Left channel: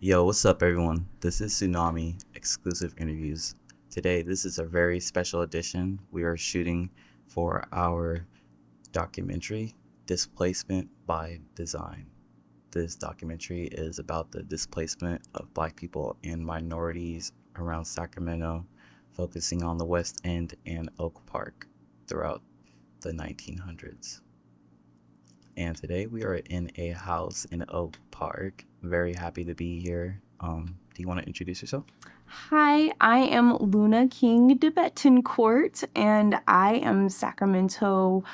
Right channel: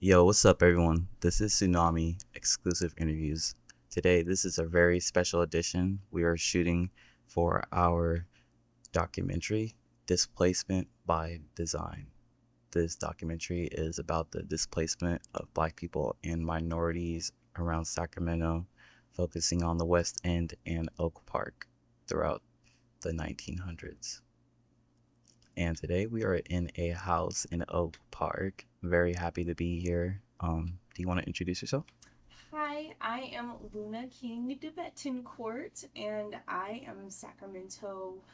Yo, what's up, everyone? This is Tsunamii Exclusive Interviews. Today, this is a very special edition. We are shooting for our documentary, Displacement by Design. This documentary is about the displacement of Black people and minorities around Sacramento, focusing on the West End and Oak Park throughout the 1900s. And today we are in a house in Oak Park. Very happy to be here. Do you want to introduce yourself? Hi, I am Luna King Tibetan Court, and I am Sacramento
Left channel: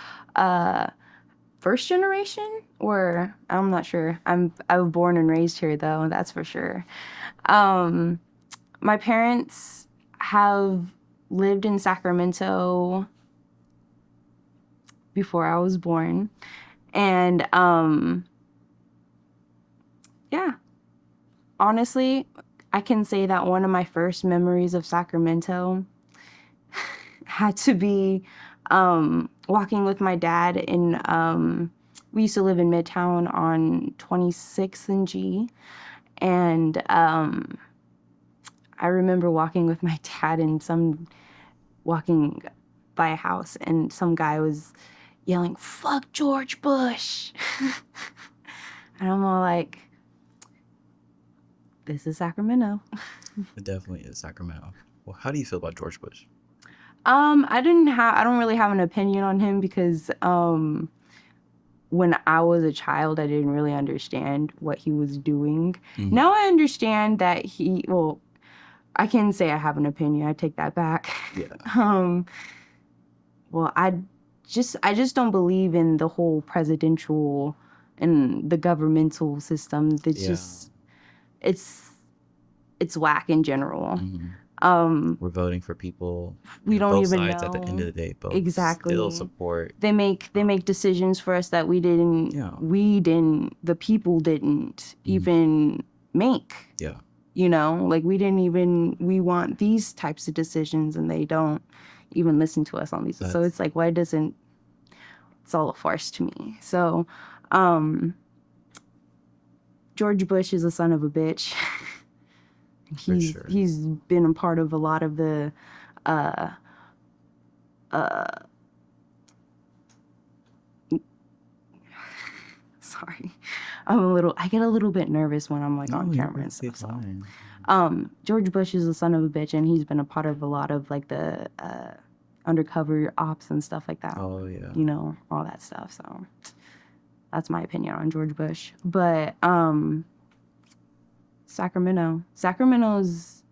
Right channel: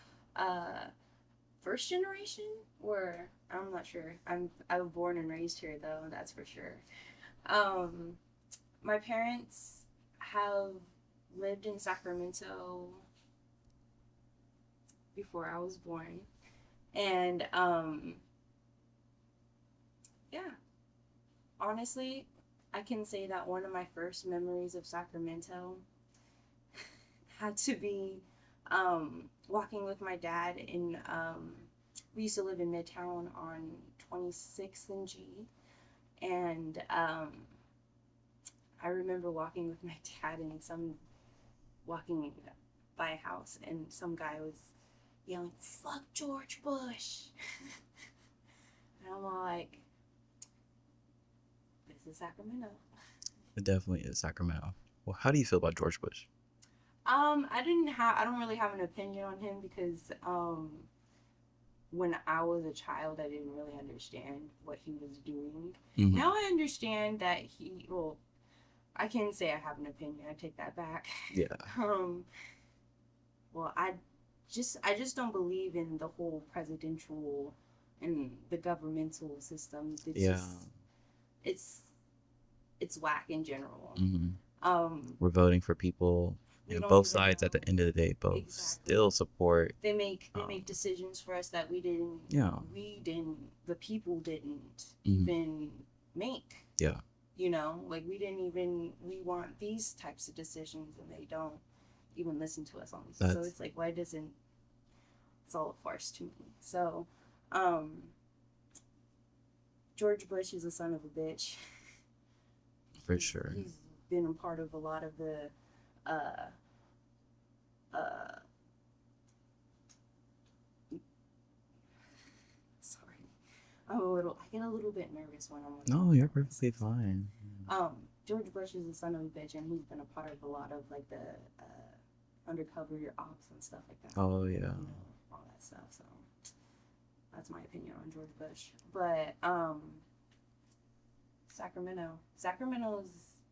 first generation, or I'm not sure. I was born and raised here though, that's for sure. My parents have lived in Sacramento before I was born, and yeah, honestly, I can say that one of my first memories of Sacramento had to be walking with my dad in, we used to live in Midtown on 26th and G. And I remember walking with my dad and walking by a house, and some guy was yelling, "Fuck George Bush." And I'm all like, this is Sacramento. It definitely is Sacramento. Well, how do you feel about George Bush? I don't really have an opinion on him because when I was a child, I didn't really understand what he was doing. Mhm. Now I understand that I can say I have an opinion. I take that back. Yeah. Well, I just don't believe in the whole presidential and the governmental system. It's whack in general. Mm-hmm. We're voting for people. We don't both even sides know. At the end of the day, both exactly still support. They make decisions for us that we didn't. Yeah. The people didn't even make. Yeah. You know, like we want these types of decisions, and they don't even listen to us on these. So it's like, why doesn't? It's all a farce to me. So, George Bush is a son of a bitch. For sure. He's been a part of a lot of the sorry. I get a little bit nervous when I'm like on camera and stuff. Fine. George Bush is a son of a bitch, and he's been a part of a lot of like the undercover ops and stuff like that. Oh yeah. You know, all that stuff. So that's my opinion on George Bush. But Sacramento's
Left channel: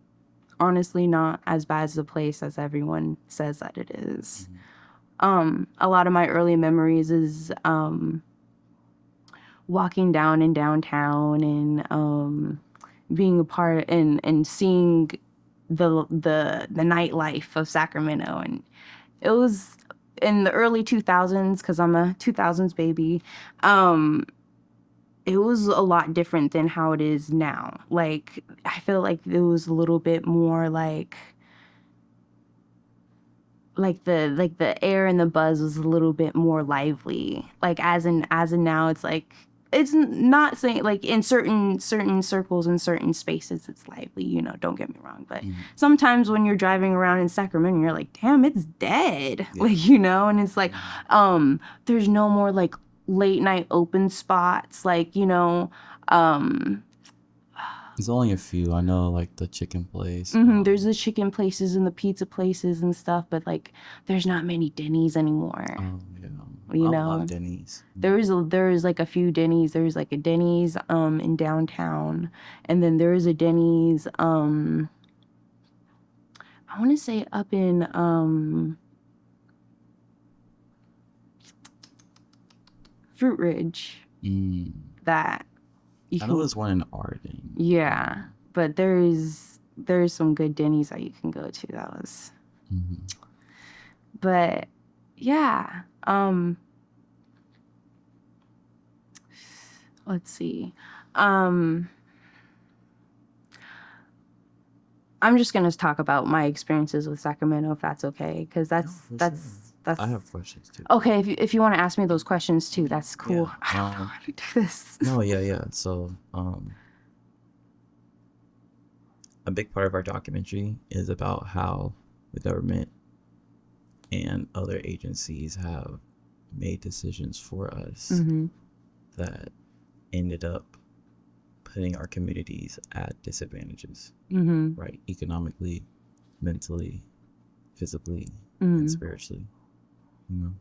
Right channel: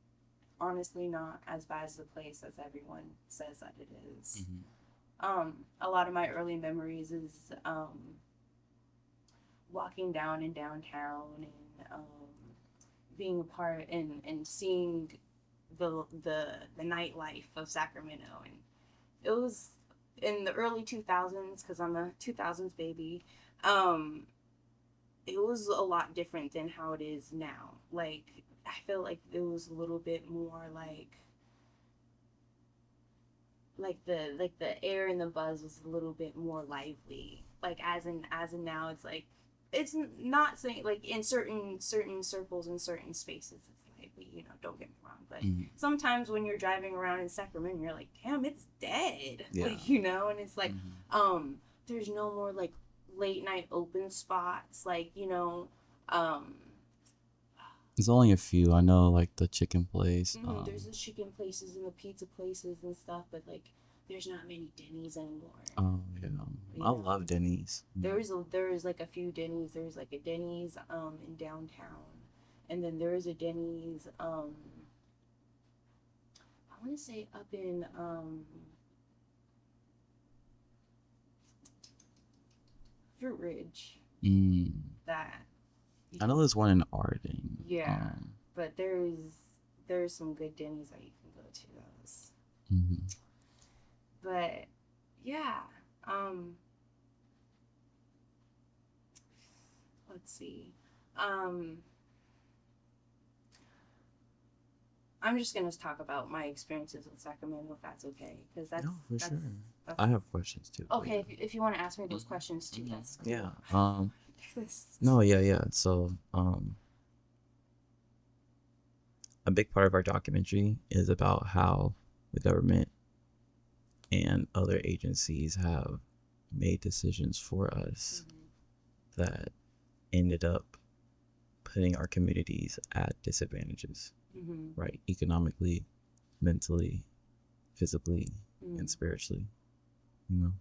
honestly not as bad as a place as everyone says that it is. A lot of my early memories is walking down in downtown and being a part and seeing the nightlife of Sacramento. And it was in the early 2000s, because I'm a 2000s baby. It was a lot different than how it is now. Like, I feel like it was a little bit more like the air and the buzz was a little bit more lively. Like as in now, it's like, it's not saying like in certain circles and certain spaces it's lively, you know, don't get me wrong, but sometimes when you're driving around in Sacramento, you're like, damn, it's dead. Yeah. Like, you know, and it's like there's no more like late night open spots, like, you know. There's only a few. I know, like the chicken place. There's the chicken places and the pizza places and stuff, but like there's not many Denny's anymore. Oh yeah, I love Denny's. There's like a few Denny's. There's like a Denny's in downtown, and then there's a Denny's I want to say up in Fruit Ridge. That I know there's one in Arden. Yeah, but there's some good Denny's that you can go to. That was. But yeah, let's see. I'm just gonna talk about my experiences with Sacramento, if that's okay, because that's That's I have questions too. okay. If you want to ask me those questions too, that's cool. Yeah. I don't know how to do this. No, yeah. So, a big part of our documentary is about how the government and other agencies have made decisions for us that ended up putting our communities at disadvantages, right? Economically, mentally, physically, and spiritually, you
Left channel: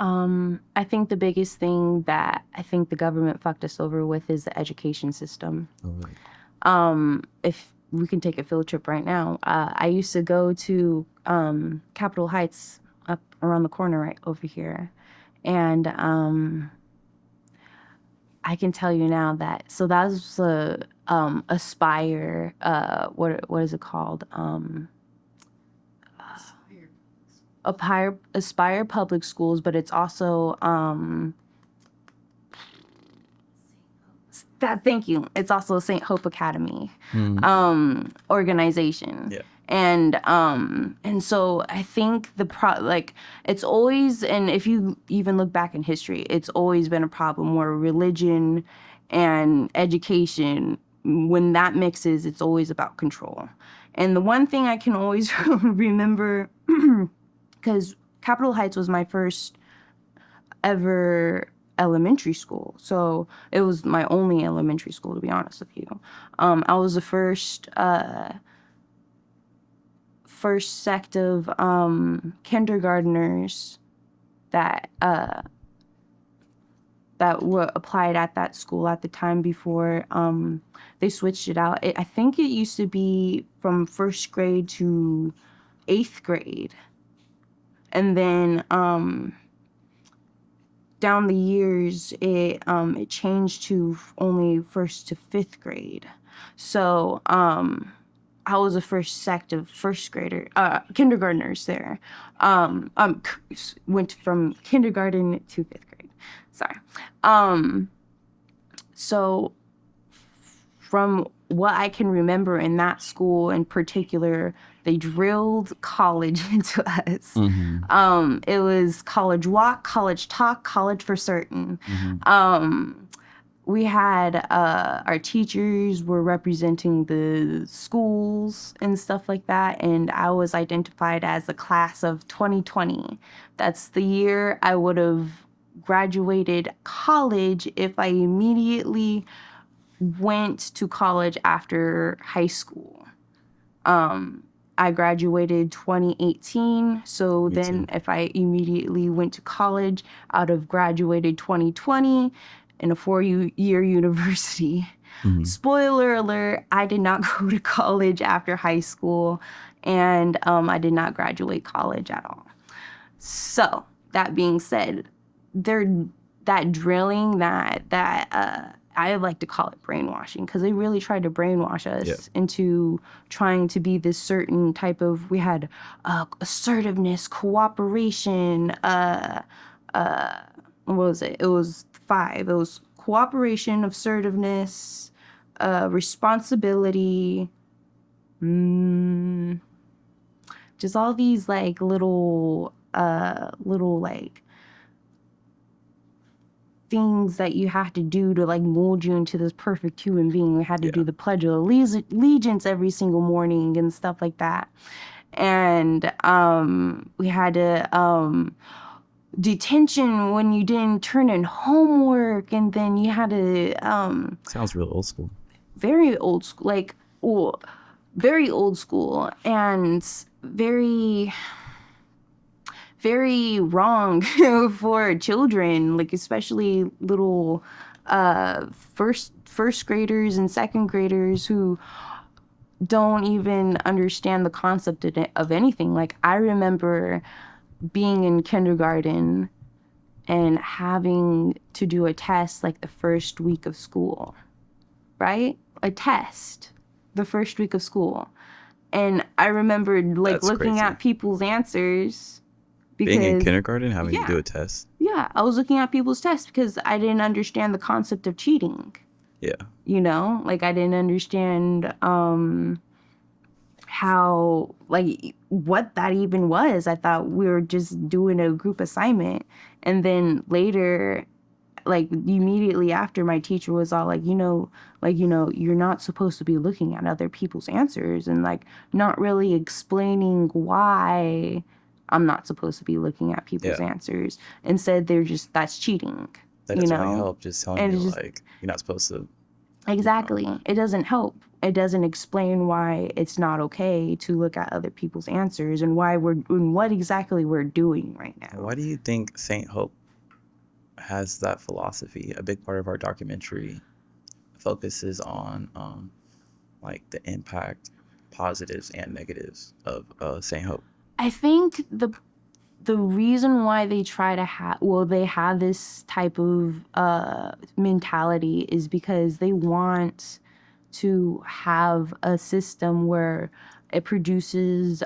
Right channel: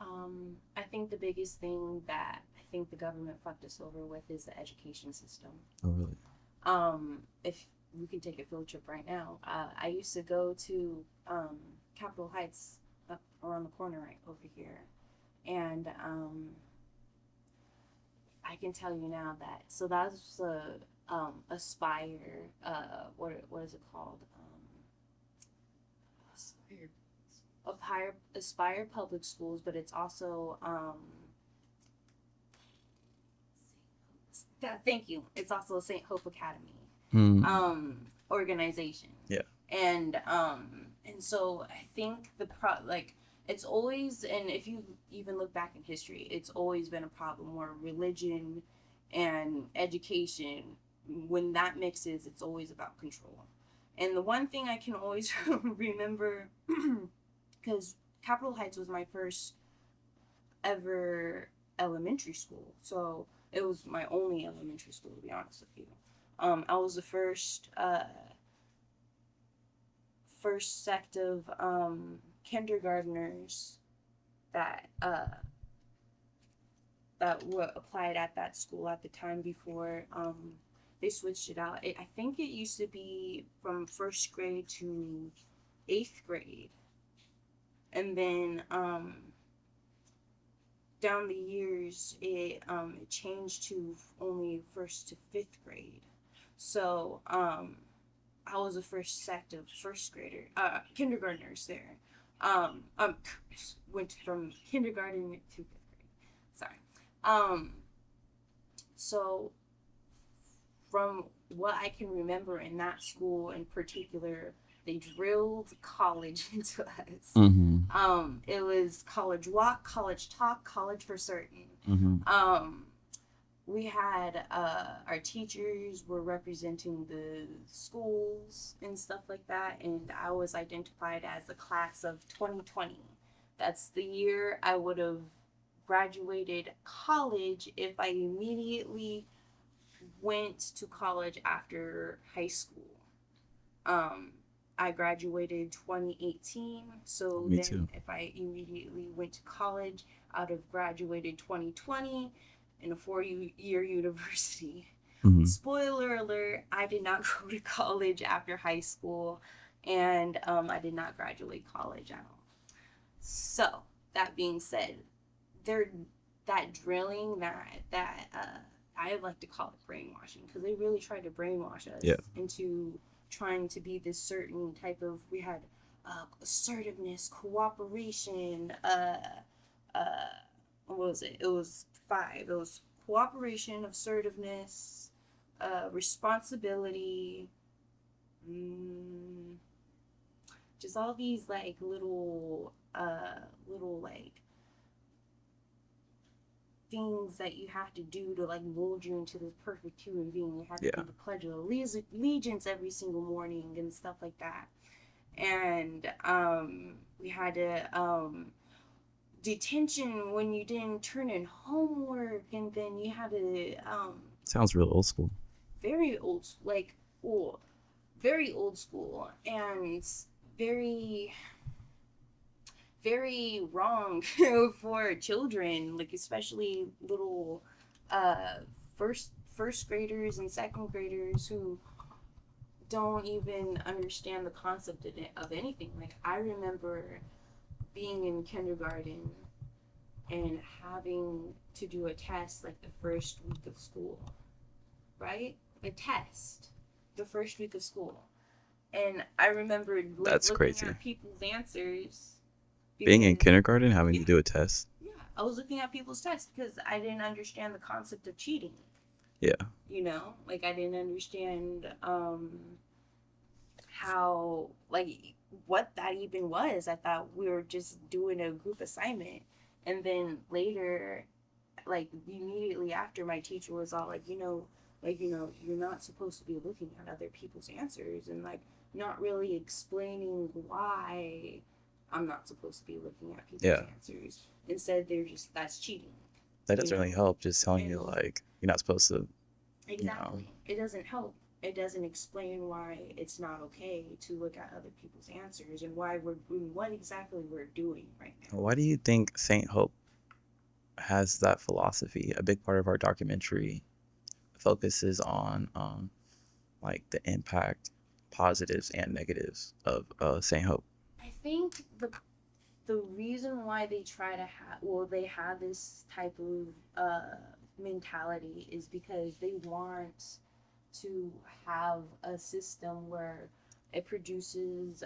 know? I think the biggest thing that I think the government fucked us over with is the education system. Oh, really? If we can take a field trip right now, I used to go to Capitol Heights up around the corner right over here, and I can tell you now that that was Aspire. What is it called? Aspire Public Schools, but it's also thank you. It's also St. Hope Academy organization. Yeah. And so I think it's always, and if you even look back in history, it's always been a problem where religion and education, when that mixes, it's always about control. And the one thing I can always remember, because Capitol Heights was my first ever elementary school, so it was my only elementary school, to be honest with you. I was the first sect of kindergartners that were applied at that school at the time before they switched it out. I think it used to be from first grade to 8th grade, and then down the years it changed to only 1st to 5th grade. So I was the first sect of kindergartners there. Went from kindergarten to 5th grade. Sorry. So from what I can remember in that school in particular, they drilled college into us. It was college walk, college talk, college for certain. We had our teachers were representing the schools and stuff like that, and I was identified as the class of 2020. That's the year I would have graduated college if I immediately went to college after high school. I graduated 2018, so then if I immediately went to college, I'd have graduated 2020 in a 4-year university. Spoiler alert, I did not go to college after high school, and I did not graduate college at all. So that being said, that drilling, I like to call it brainwashing, because they really tried to brainwash us into trying to be this certain type of, we had assertiveness, cooperation, what was it? It was 5. It was cooperation, assertiveness, responsibility, just all these like little like things that you have to do to like mold you into this perfect human being. We had to do the Pledge of Allegiance every single morning and stuff like that. And we had to detention when you didn't turn in homework, and then you had to sounds real old school. Very old school, like very old school, and very very wrong for children, like especially little first graders and second graders who don't even understand the concept of anything. Like I remember being in kindergarten and having to do a test like the first week of school, right? A test the first week of school. And I remember like That's looking crazy. at people's answers. Being in kindergarten, having to do a test? Yeah, I was looking at people's tests because I didn't understand the concept of cheating. Yeah. You know, like I didn't understand how, like, what that even was. I thought we were just doing a group assignment. And then later, like immediately after, my teacher was all like, you're not supposed to be looking at other people's answers, and like not really explaining why I'm not supposed to be looking at people's Yeah. answers. Instead, that's cheating, That you doesn't really know? help, just telling And you it's just like you're not supposed to, you know. exactly, it doesn't help. It doesn't explain why it's not okay to look at other people's answers, and what exactly we're doing right now. Why do you think Saint Hope has that philosophy? A big part of our documentary focuses on like the impact, positives and negatives of Saint Hope. I think the reason why they try to they have this type of mentality is because they want to have a system where it produces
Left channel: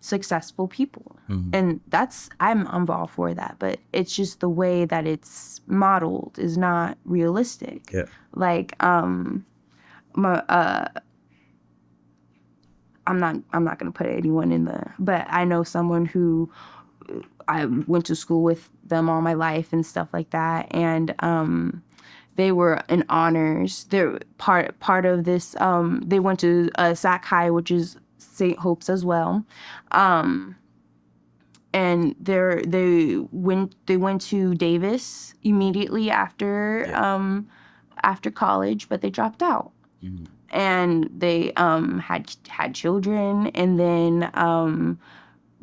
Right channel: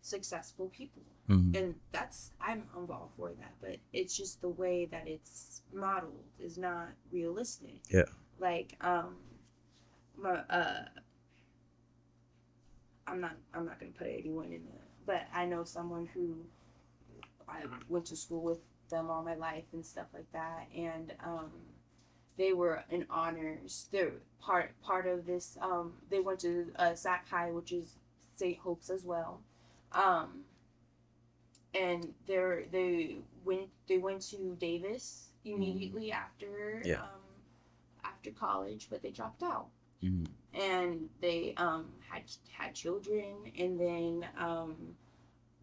successful people. Mm-hmm. And I'm all for that, but it's just the way that it's modeled is not realistic. Yeah. Like my I'm not gonna put anyone in but I know someone who I went to school with them all my life and stuff like that, and they were in honors. They're part of this. They went to Sac High, which is St. Hope's as well, and they went to Davis immediately after after college, but they dropped out. Mm-hmm. And they had children, and then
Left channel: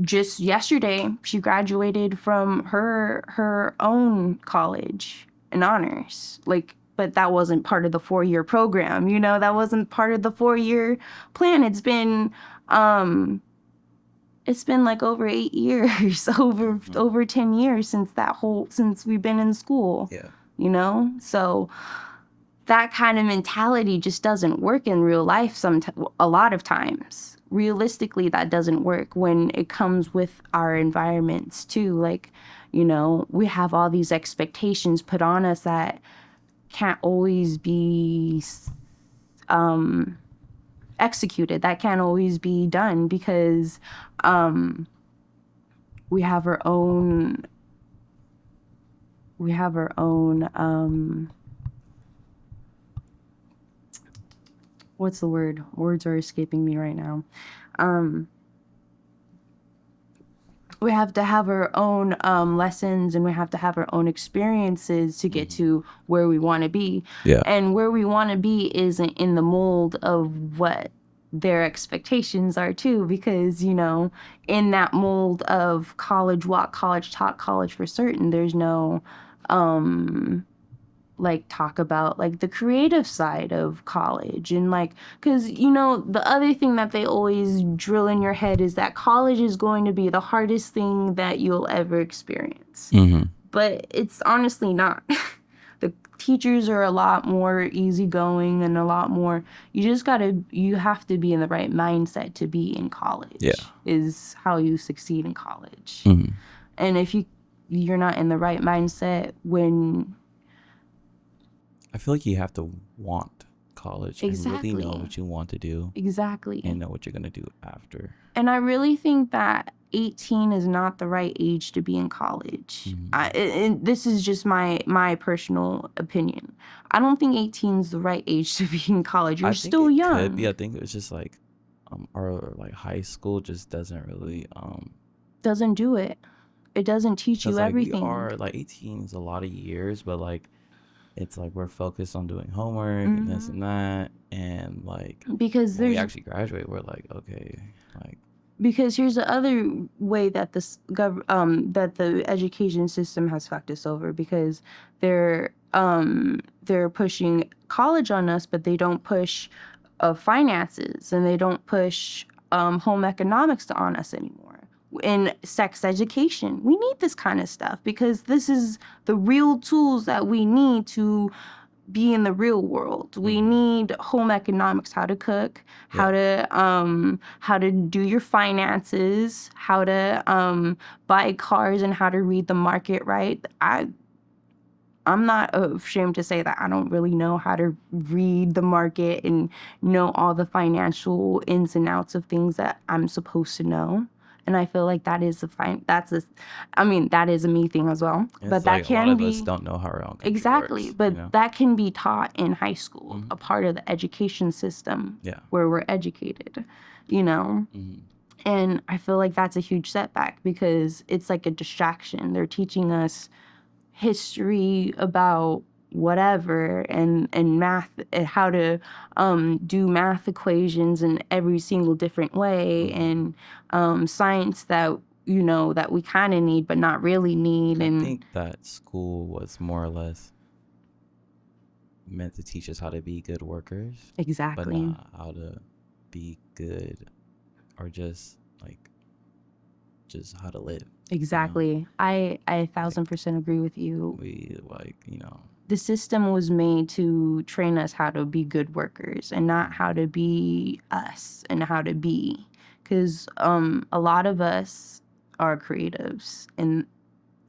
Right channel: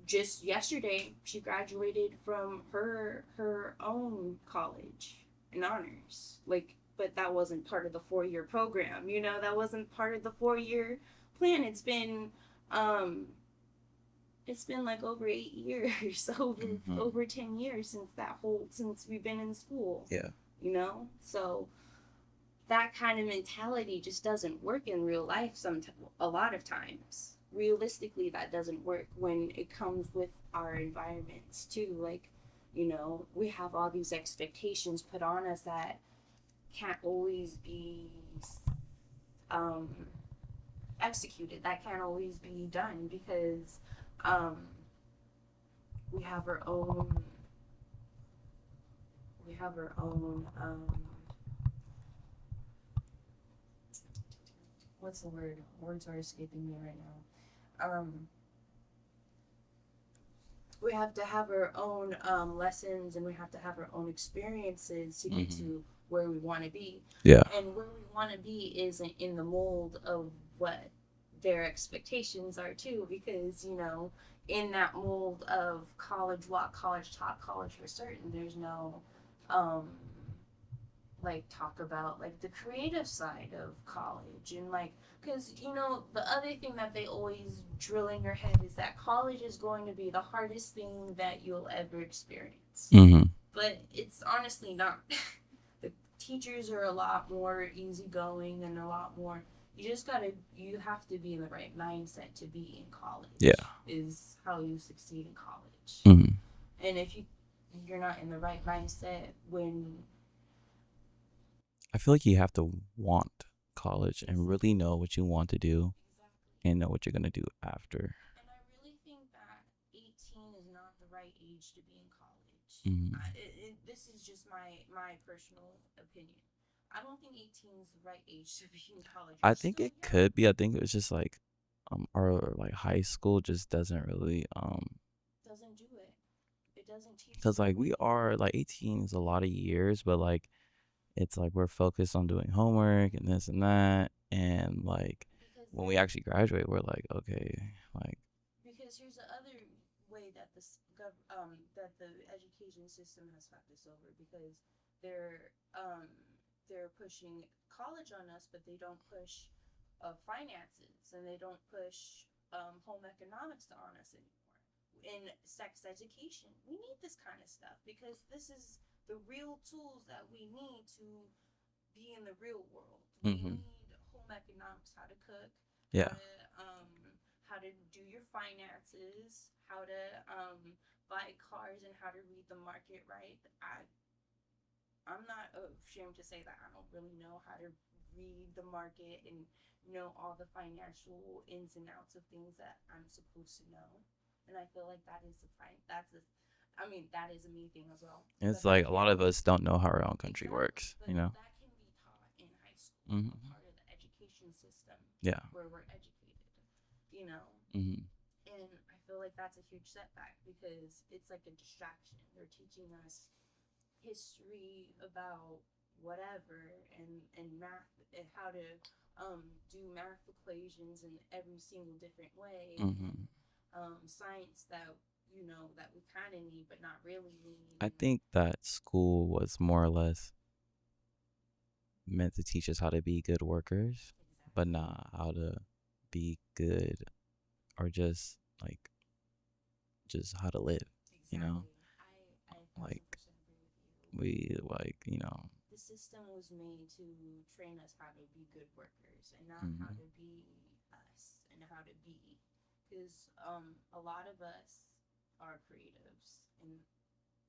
just yesterday she graduated from her own college in honors, like, but that wasn't part of the 4-year program, that wasn't part of the 4-year plan. It's been like over 8 years over 10 years since we've been in school. Yeah. So that kind of mentality just doesn't work in real life. A lot of times, realistically, that doesn't work when it comes with our environments too. Like, we have all these expectations put on us that can't always be executed. That can't always be done because we have our own. What's the word? Words are escaping me right now. We have to have our own lessons, and we have to have our own experiences to get to where we want to be. Yeah. And where we want to be isn't in the mold of what their expectations are too, because in that mold of college walk, college talk, college for certain, there's no like talk about like the creative side of college, and like, because the other thing that they always drill in your head is that college is going to be the hardest thing that you'll ever experience. But it's honestly not. The teachers are a lot more easygoing and a lot more, you have to be in the right mindset to be in college. Is how you succeed in college. And if you're not in the right mindset when I feel like you have to want college and really know what you want to do. Exactly. And know what you're going to do after. And I really think that 18 is not the right age to be in college. And this is just my personal opinion. I don't think 18 is the right age to be in college. You're still young. Could be. I think it was just like our like high school just doesn't really doesn't do it. It doesn't teach you everything. Like we are like 18 is a lot of years, but like it's like we're focused on doing homework and this and that, and like because when we actually graduate, we're like, okay, like, because here's the other way that that the education system has fucked us over, because they're pushing college on us, but they don't push finances, and they don't push home economics on us anymore. In sex education, we need this kind of stuff because this is the real tools that we need to be in the real world. We need home economics, how to cook, how to do your finances, how to buy cars, and how to read the market right. I'm not ashamed to say that I don't really know how to read the market and know all the financial ins and outs of things that I'm supposed to know. And I feel like that is that is a me thing as well. It's But that like a lot can of us be don't know how our own country exactly, works, but you know? that can be taught in high school, Hmm. a part of the education system Yeah. where we're educated, you know? Hmm. And I feel like that's a huge setback because it's like a distraction. They're teaching us history about whatever and math and how to do math equations in every single different way Hmm. and science that that we kind of need but not really need. I And think that school was more or less meant to teach us how to be good workers, but exactly. not how to be good or just how to live. Exactly. I Like 1,000% agree with you. we The system was made to train us how to be good workers and not how to be us and how to be. Because a lot of us are creatives, and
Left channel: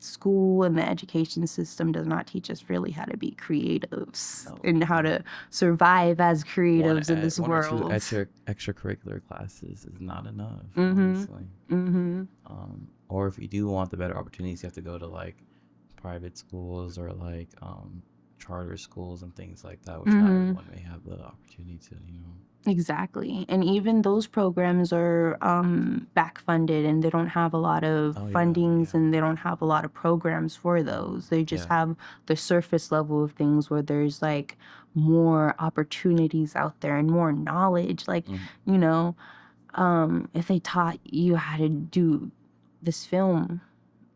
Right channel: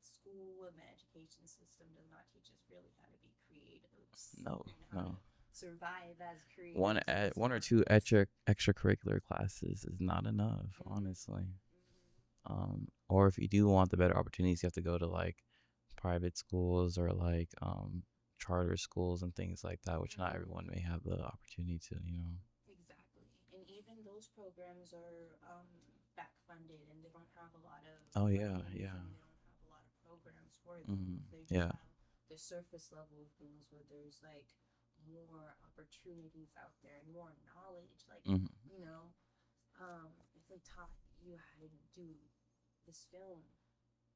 school and the education system does not teach us really how to be creatives no, and how no. to survive as creatives in this One or two world. extracurricular classes is not enough, Mm-hmm. honestly. Mm-hmm. Or if you do want the better opportunities, you have to go to like private schools or like charter schools and things like that, which not Mm-hmm. everyone may have the opportunity to, Exactly. And even those programs are back funded and they don't have a lot of Oh yeah, fundings yeah. and they don't have a lot of programs for those. They just Yeah. have the surface level of things where there's like more opportunities out there and more knowledge. Like, Mhm. you know, if they taught you how to do this film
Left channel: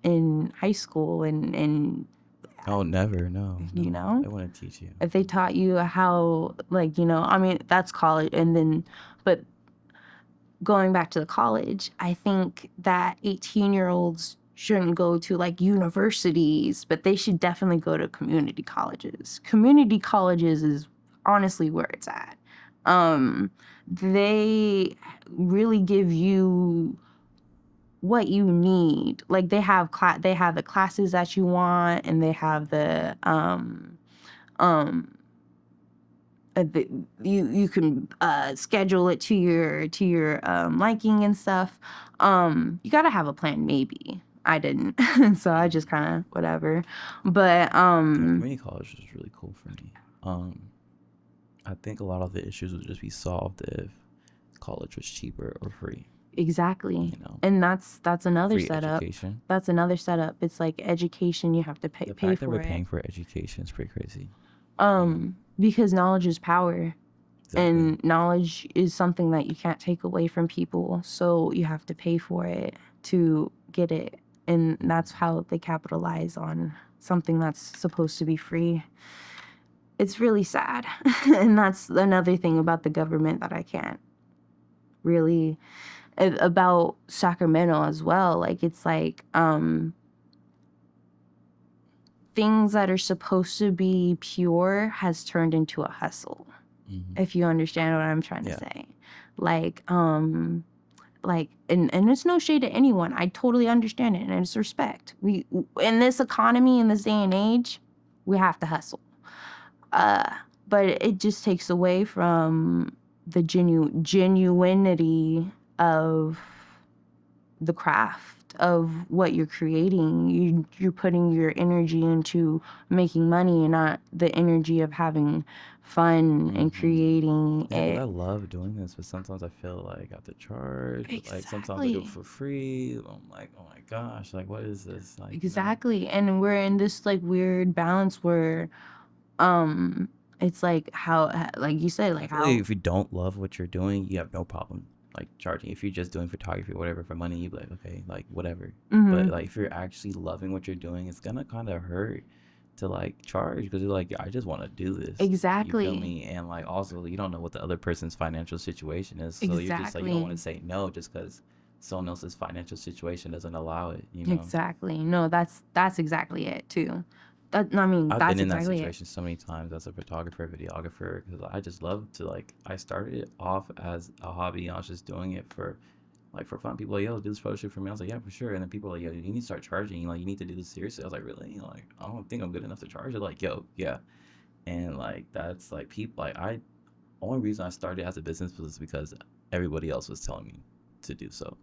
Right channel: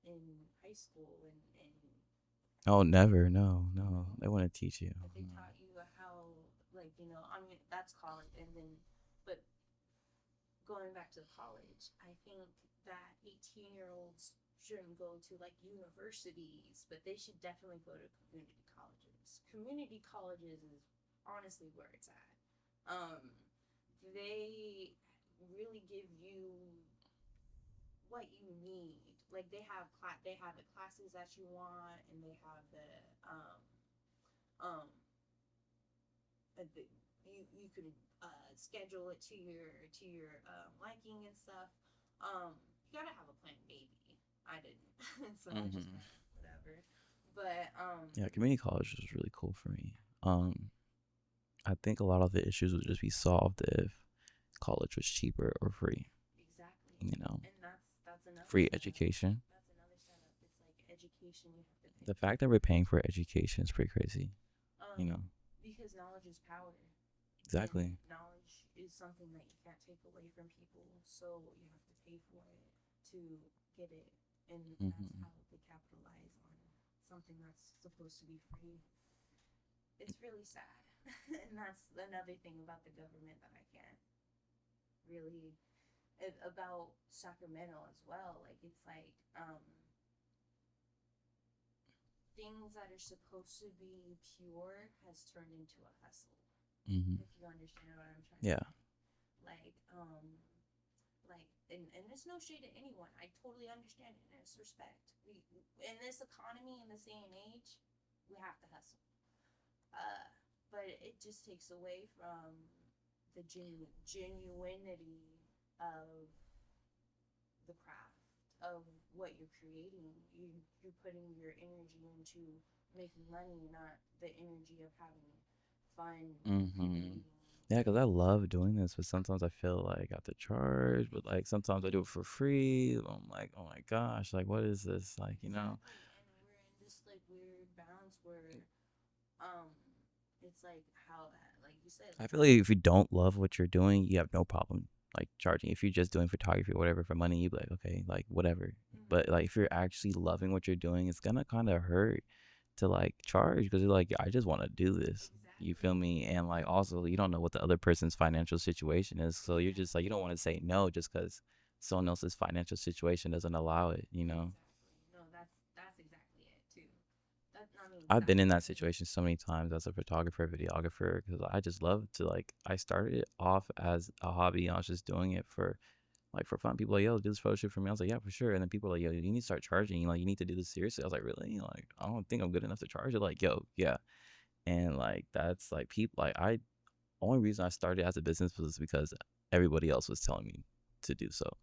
in high school and Oh, never. No, you no. know, They want to teach you. if they taught you how, like, I mean, that's college. And then, but going back to the college, I think that 18-year-olds shouldn't go to like universities, but they should definitely go to community colleges. Community colleges is honestly where it's at. They really give you what you need. Like they have the classes that you want, and they have um you can schedule it to your liking and stuff. You gotta have a plan. Maybe I didn't, so I just kind of whatever. But Yeah, community college was really cool for me. I think a lot of the issues would just be solved if college was cheaper or free. exactly. And that's another Free setup. education. That's another setup. It's like education. You have to The pay fact that we're for it. paying for education is pretty crazy. Because knowledge is power. Exactly. And knowledge is something that you can't take away from people. So you have to pay for it to get it. And that's how they capitalize on something that's supposed to be free. It's really sad. And that's another thing about the government that I can't really, about Sacramento as well. Like, it's like, things that are supposed to be pure has turned into a hustle. If you understand what I'm trying to say. Like and it's no shade to anyone. I totally understand it, and it's respect. We, in this economy, in this day and age, we have to hustle. But it just takes away from the genuinity of the craft of what you're creating. You're putting your energy into making money and not the energy of having fun and creating Yeah, because I it. love doing this, but sometimes I feel like I have to charge. But like sometimes I do it for free. I'm like, oh my gosh, like what is this? Like Exactly. And we're in this like weird balance where it's like how, like you said, I like feel how like if you don't love what you're doing, you have no problem like charging. If you're just doing photography or whatever for money, you'd be like, okay, like whatever. But like if you're actually loving what you're doing, it's gonna kind of hurt to like charge because you're like, I just want to do this. exactly. You feel me? And like also, you don't know what the other person's financial situation is, so you're just like, you don't want to say no just because someone else's financial situation doesn't allow it. Exactly. No, that's exactly it too. I mean, I've that's been in that exactly it. situation so many times as a photographer, videographer, because I just love to like. I started it off as a hobby. I was just doing it for like for fun. People are like, yo, do this photo shoot for me. I was like, yeah, for sure. And then people are like, yo, you need to start charging. Like, you need to do this seriously. I was like, really? Like, I don't think I'm good enough to charge it. Like, yo, yeah. And like that's like people like I only reason I started as a business was because everybody else was telling me to do so.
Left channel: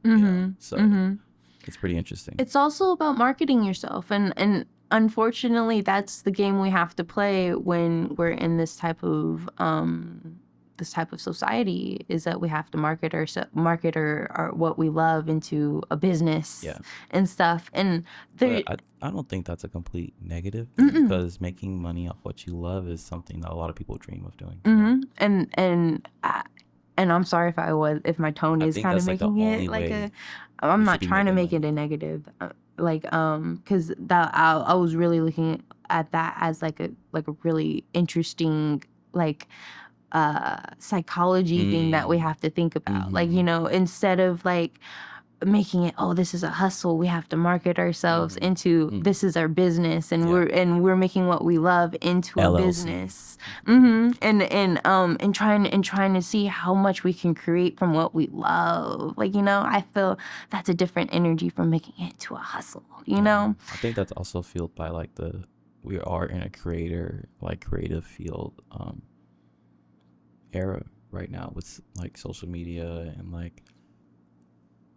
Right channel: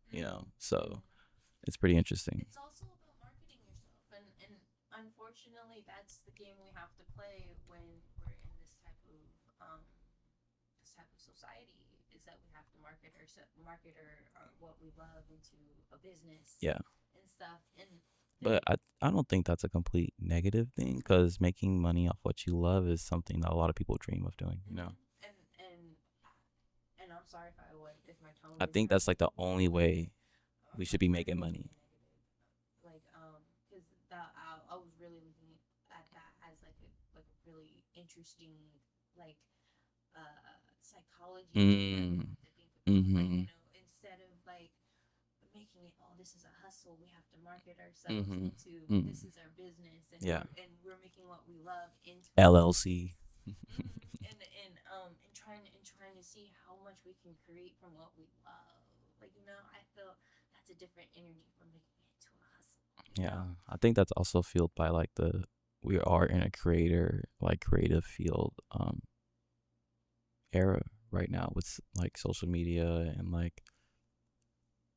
So it's pretty interesting. It's also about marketing yourself, and unfortunately that's the game we have to play when we're in this type of society, is that we have to market our what we love into a business and stuff. And but I don't think that's a complete negative thing, because making money off what you love is something that a lot of people dream of doing. And I'm sorry if my tone is kind of making the only it like way I'm not trying to make it a negative, because that I was really looking at that as like a really interesting psychology thing that we have to think about. Like, instead of like making it, oh, this is a hustle, we have to market ourselves into this is our business, and we're making what we love into a LLC. business. And trying to see how much we can create from what we love. Like, I feel that's a different energy from making it into a hustle, know. I think that's also fueled by like we are in a creative field era right now, with like social media and like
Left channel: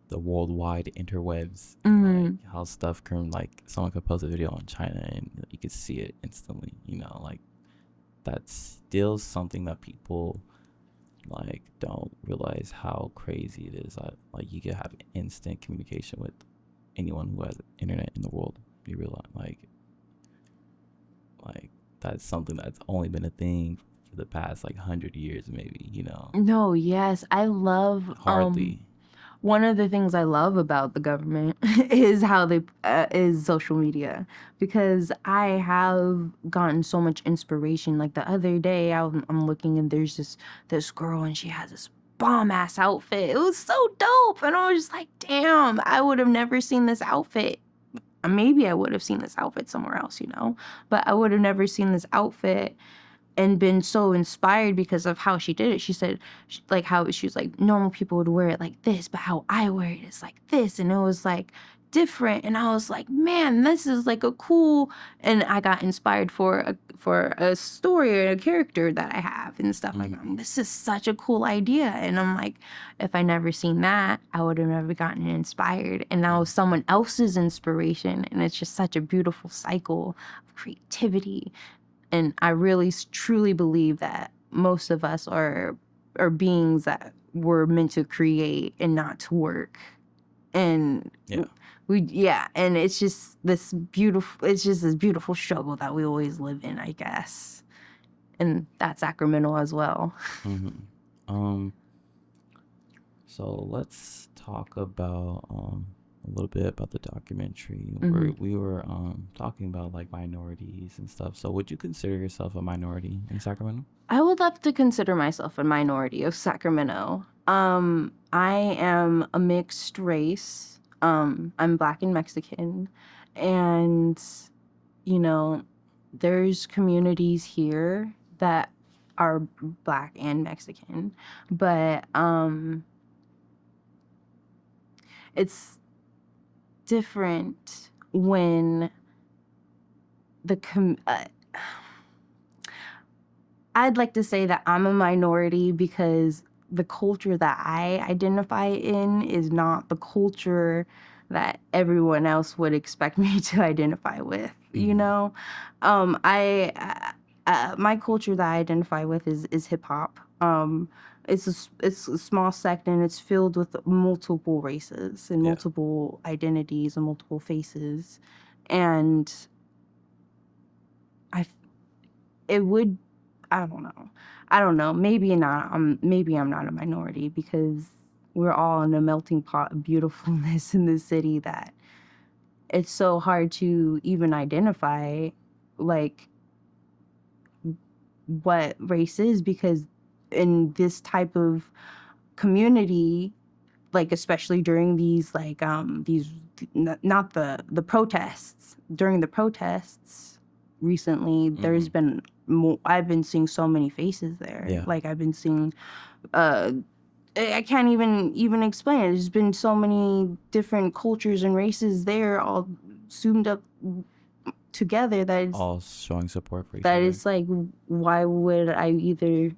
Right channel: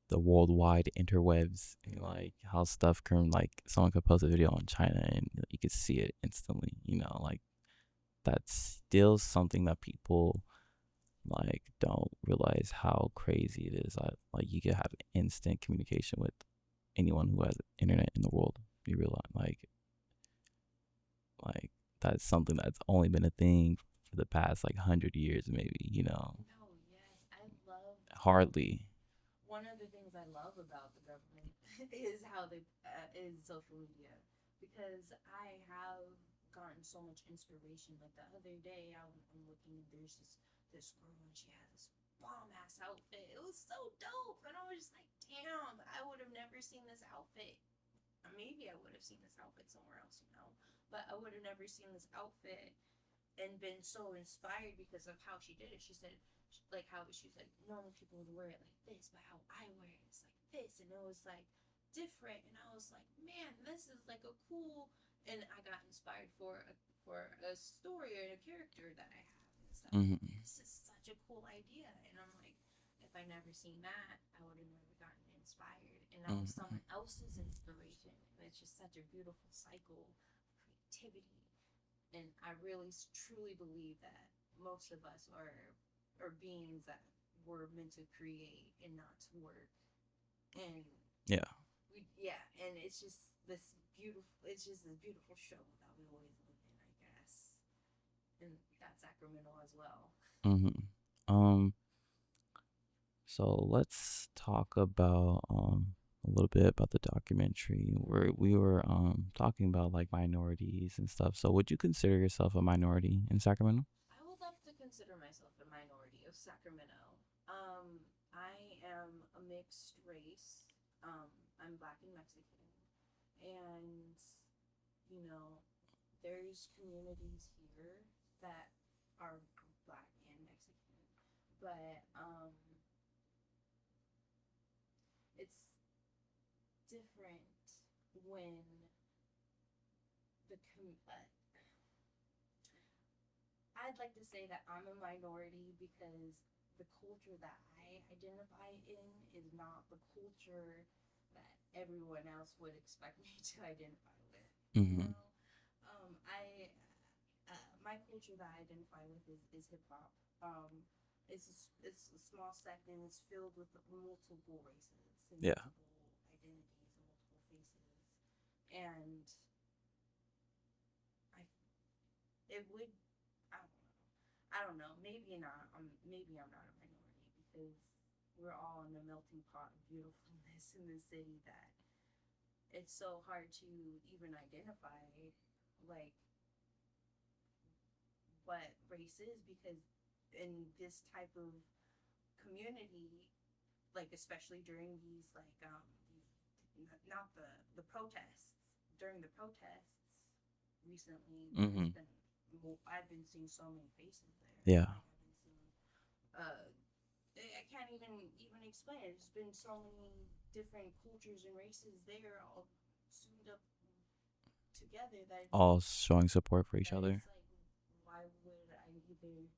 the worldwide interwebs, and like how stuff can, like, someone could post a video on China and you could see it instantly, like that's still something that people like don't realize how crazy it is. Like you can have instant communication with anyone who has internet in the world. You realize like that's something that's only been a thing for the past like 100 years maybe. No, yes, I love hardly one of the things I love about the government is how they is social media, because I have gotten so much inspiration. Like the other day, I'm looking and there's this girl and she has this bomb ass outfit. It was so dope, and I was just like, damn, I would have never seen this outfit. Maybe I would have seen this outfit somewhere else, but I would have never seen this outfit and been so inspired because of how she did it. She said, like, how she was like, normal people would wear it like this, but how I wear it is like this. And it was like different. And I was like, man, this is like a cool, and I got inspired for a story or a character that I have and stuff. Like, this is such a cool idea. And I'm like, if I never seen that, I would have never gotten inspired. And now someone else's inspiration. And it's just such a beautiful cycle of creativity. And I really truly believe that most of us are beings that were meant to create and not to work. And and it's just this beautiful struggle that we always live in, I guess. And that's Sacramento as well. So let's talk about a little bit about the documentary. We were talking about like minorities and stuff. So would you consider yourself a minority in Sacramento? I would love to consider myself a minority of Sacramento. I am a mixed race. I'm Black and Mexican, and there's communities here that are Black and Mexican, but it's different when I'd like to say that I'm a minority because the culture that I identify in is not the culture that everyone else would expect me to identify with. My culture that I identify with is hip hop. It's a small sect, and it's filled with multiple races and multiple identities and multiple faces, and I don't know. Maybe not. Maybe I'm not a minority because we're all in a melting pot of beautifulness in this city that it's so hard to even identify like what race is, because in this type of community, like especially during these not the protests, during the protests recently, there's been I've been seeing so many faces there. Like I've been seeing I can't even explain it. There's been so many different cultures and races there, all zoomed up together, All showing support for each that other. it's like, why would I either,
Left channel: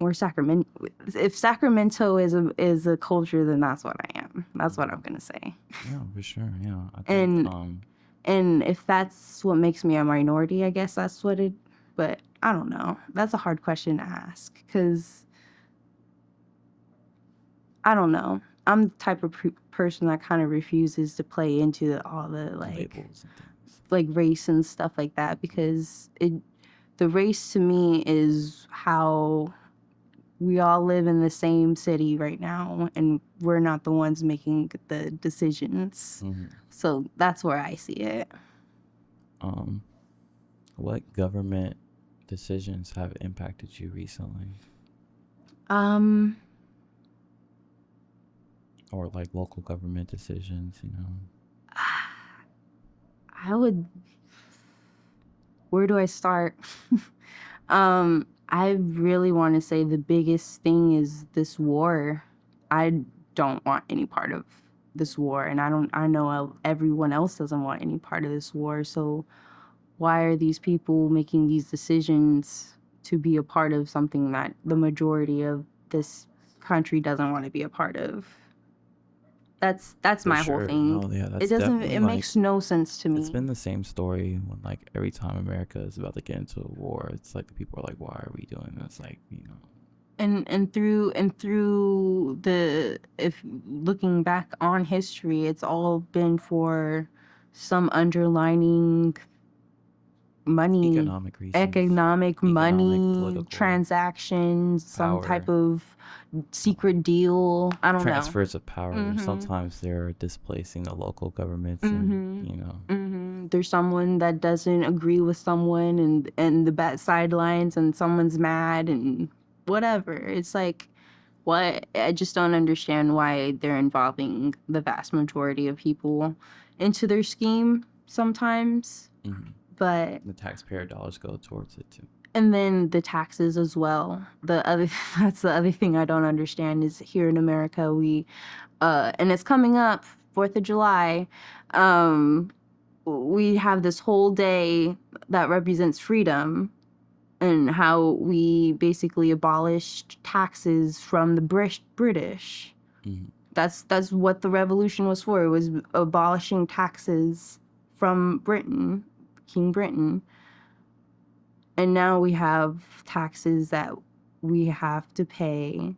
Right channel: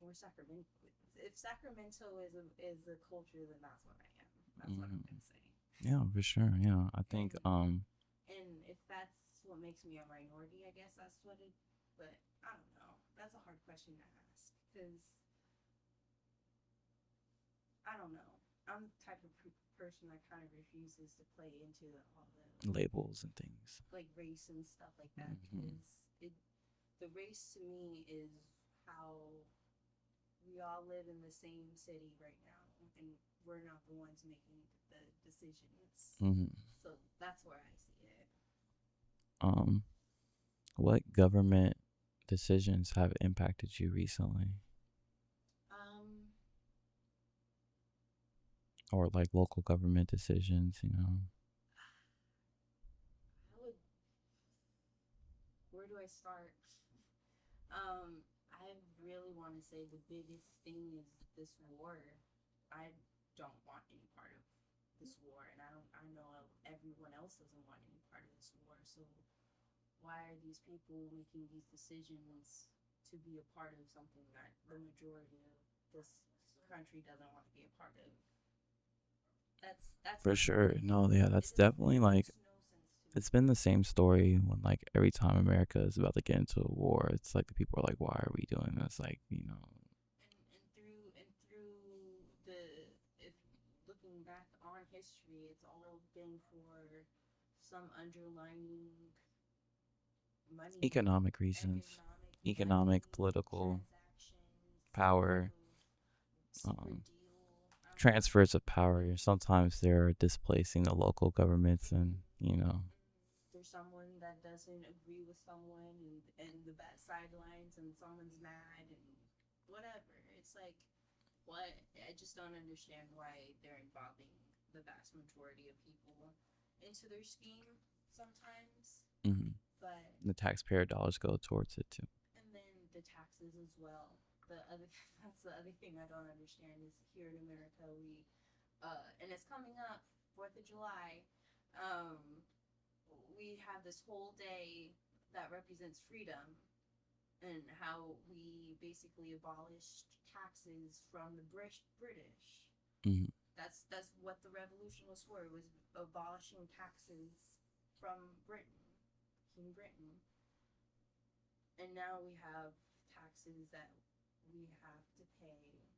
or Sacramento? If Sacramento is a culture, then that's what I am. That's what I'm gonna say. Yeah, for sure. Yeah, I think. And if that's what makes me a minority, I guess that's what it. But I don't know. That's a hard question to ask, because I don't know. I'm the type of person that kind of refuses to play into all the labels and things, like race and stuff like that, because the race to me is how we all live in the same city right now, and we're not the ones making the decisions. So that's where I see it. What government decisions have impacted you recently? Or like local government decisions, you know? Where do I start? I really want to say the biggest thing is this war. I don't want any part of this war, and I know everyone else doesn't want any part of this war. So why are these people making these decisions to be a part of something that the majority of this country doesn't want to be a part of? That's For my sure. whole thing. No, yeah, that's definitely it makes no sense to me. It's been the same story when like every time America is about to get into a war, it's like the people are like, why are we doing this? Like, you know. And through the, if looking back on history, it's all been for some underlining money, Economic reasons. money, political transactions, some power, type of secret deal. I don't transfers of power. Sometimes they're displacing the local governments, and you know. There's someone that doesn't agree with someone, and the bad sidelines, and someone's mad and whatever. It's like, what? I just don't understand why they're involving the vast majority of people into their scheme sometimes. But the taxpayer dollars go towards it too. And then the taxes as well. That's the other thing I don't understand is here in America, we and it's coming up 4th of July. We have this whole day that represents freedom, and how we basically abolished taxes from the British. That's what the revolution was for. It was abolishing taxes from Britain, King Britain. And now we have taxes that we have to pay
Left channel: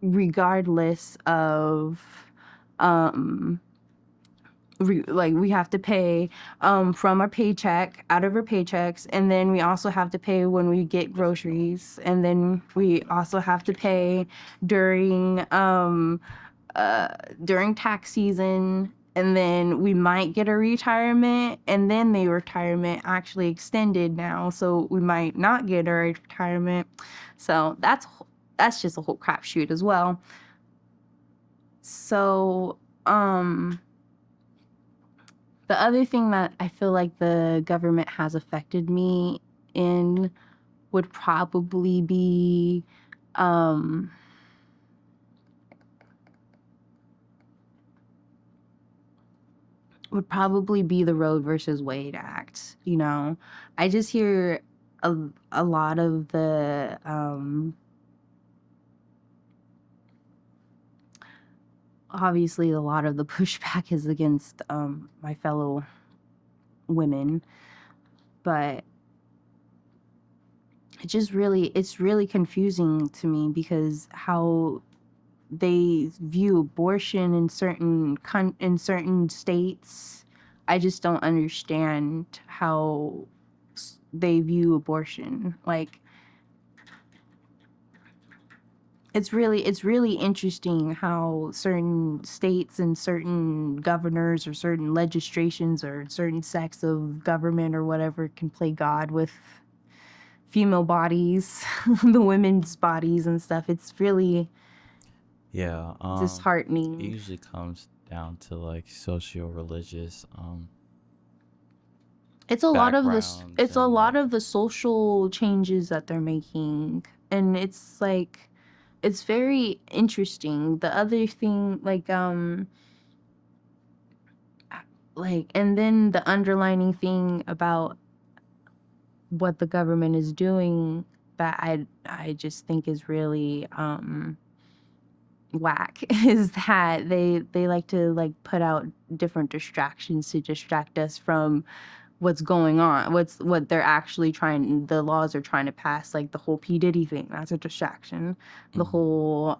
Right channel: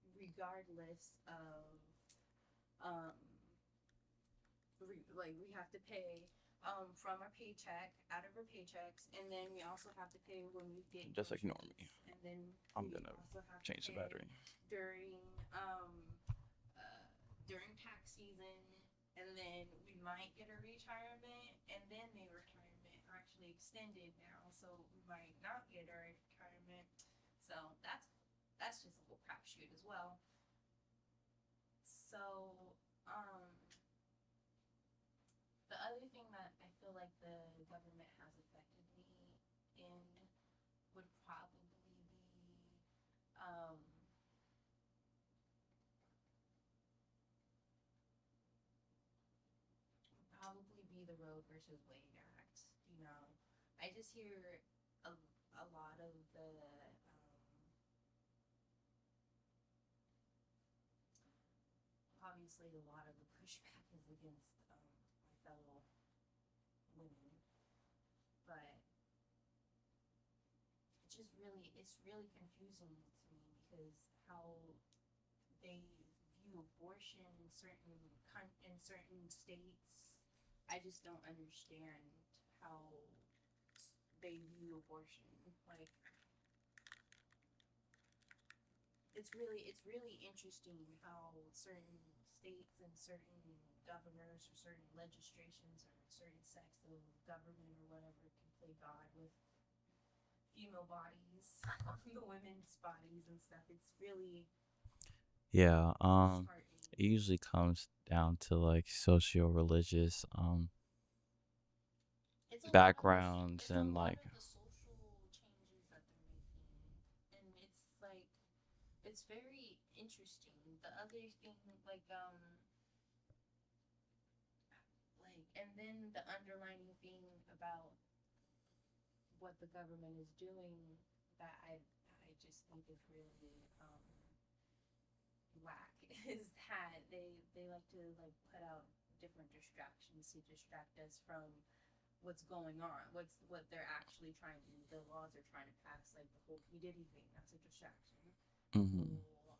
regardless of we have to pay from our paycheck, out of our paychecks, and then we also have to pay when we get groceries, and then we also have to pay during tax season, and then we might get a retirement, and then the retirement actually extended now, so we might not get a retirement. So that's just a whole crapshoot as well. So the other thing that I feel like the government has affected me in would probably be the Roe versus Wade Act. You know, I just hear a lot of the obviously a lot of the pushback is against my fellow women, but it's really confusing to me, because how they view abortion in certain states. I just don't understand how they view abortion. Like, it's really interesting how certain states and certain governors or certain legislations or certain sects of government or whatever can play God with female bodies, the women's bodies and stuff. It's really disheartening. It usually comes down to like socio-religious it's a lot of the social changes that they're making and it's like it's very interesting. The other thing, and then the underlining thing about what the government is doing that I just think is really whack is that they like to like put out different distractions to distract us from what's going on, what they're actually trying, the laws are trying to pass, like the whole P Diddy thing, that's a distraction. The whole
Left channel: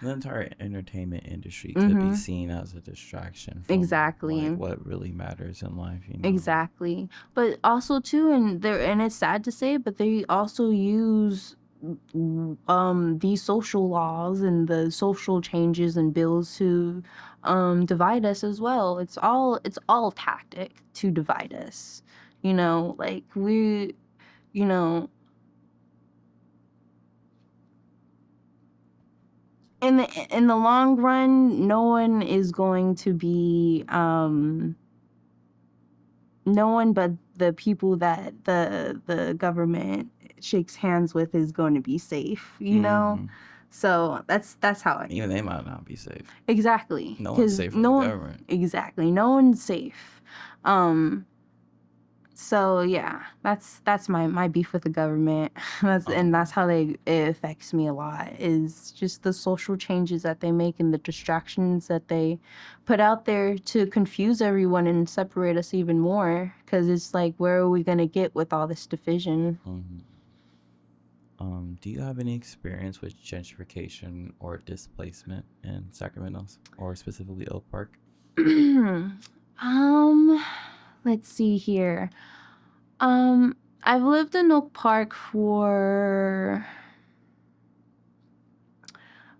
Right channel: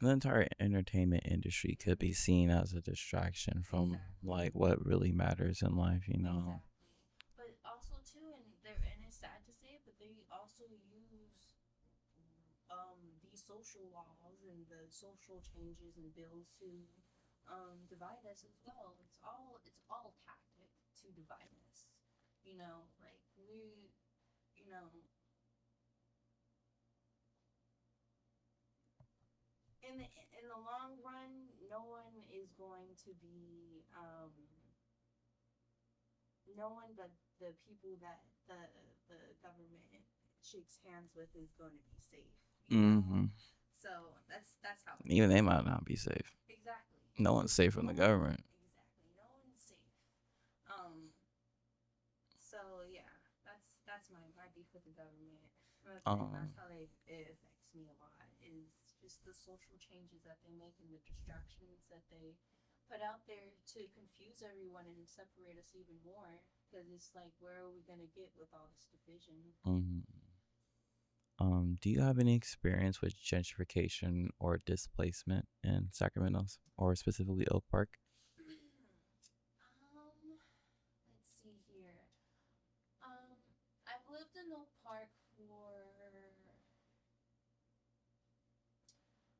The entire entertainment industry could be mhm, seen as a distraction from like exactly. what really matters in life, you know. Exactly. But also too, and it's sad to say, but they also use these social laws and the social changes and bills to divide us as well. It's all tactic to divide us. Like you know, in the long run, no one is going to be no one but the people that the government shakes hands with is going to be safe. So that's how I Even they might not be safe. exactly, No one's because safe from the government. exactly, no one's safe. um so yeah, that's my beef with the government. That's how it affects me a lot, is just the social changes that they make and the distractions that they put out there to confuse everyone and separate us even more, because it's like, where are we going to get with all this division? Do you have any experience with gentrification or displacement in Sacramento, or specifically Oak Park? um let's see here. I've lived in Oak Park for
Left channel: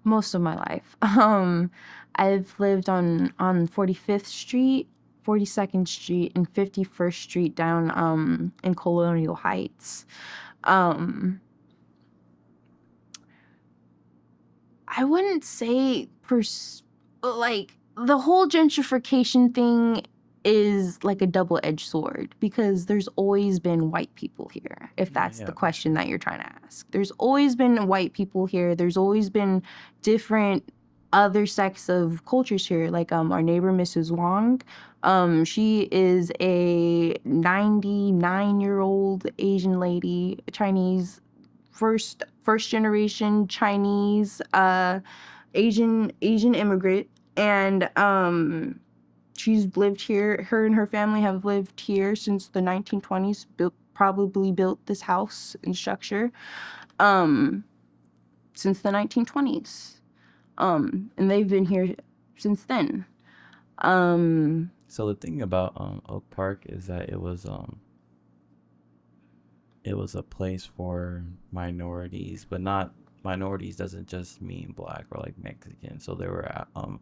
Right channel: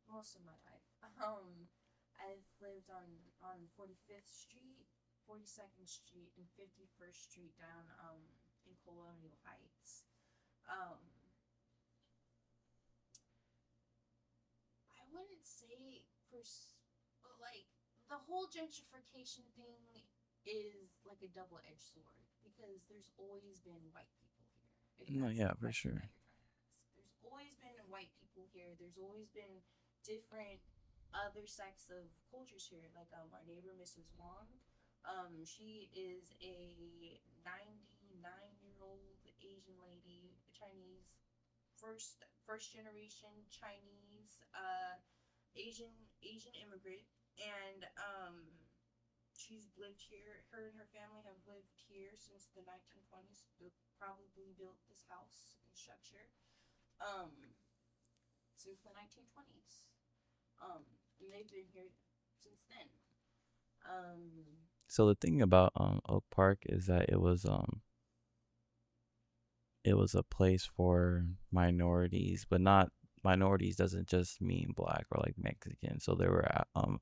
most of my life. I've lived on 45th Street, 42nd Street, and 51st Street down in Colonial Heights. Um, I wouldn't say like the whole gentrification thing is like a double-edged sword, because there's always been white people here, if No, that's yeah, the for question sure. that you're trying to ask. There's always been white people here. There's always been different other sects of cultures here, like our neighbor Mrs. Wong. She is a 99-year-old Asian lady, Chinese, first generation Chinese Asian immigrant, and she's lived here. Her and her family have lived here since the 1920s. Probably built this house and structure um since the 1920s. And they've been here since then. um So the thing about Oak Park is that it was a place for minorities, but not minorities doesn't just mean black or like Mexican. So there were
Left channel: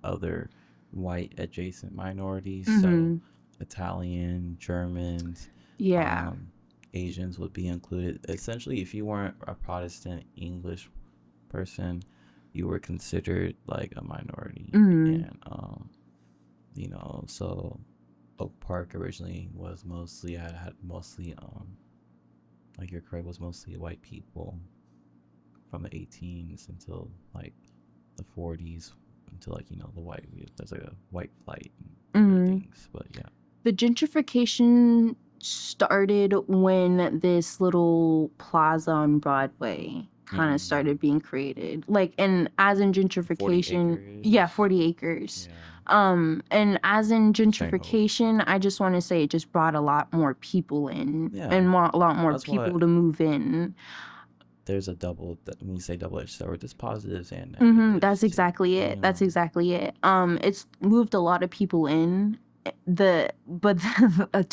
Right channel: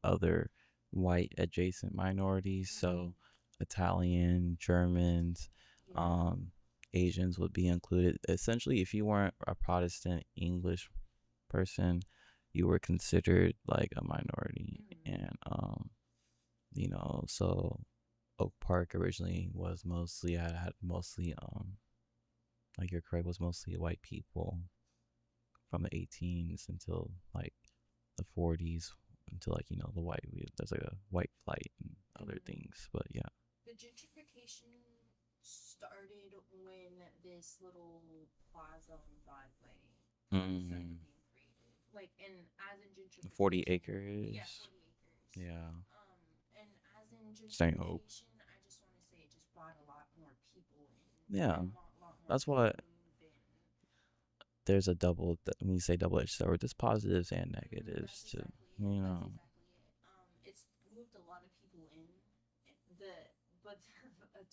other white adjacent minorities. So mhm, Italian, Germans, yeah. um, Asians would be included. Essentially, if you weren't a Protestant English person, you were considered like a minority. Mhm, And so Oak Park originally was mostly had mostly like you're correct, was mostly white people from the 18s until like the 40s, until like there's like a white flight and other mhm. things. But yeah. The gentrification started when this little plaza on Broadway kind of Mm. started being created. Like, and as in 40 gentrification, yeah, acres. 40 acres. Yeah. And as in St. Hope. gentrification, I just want to say it just brought a lot more people in, Yeah. and a lot more That's why people to move in. there's a when you say double-edged sword, there's positives and negatives That's too. exactly it. That's exactly it. It's moved a lot of people in. But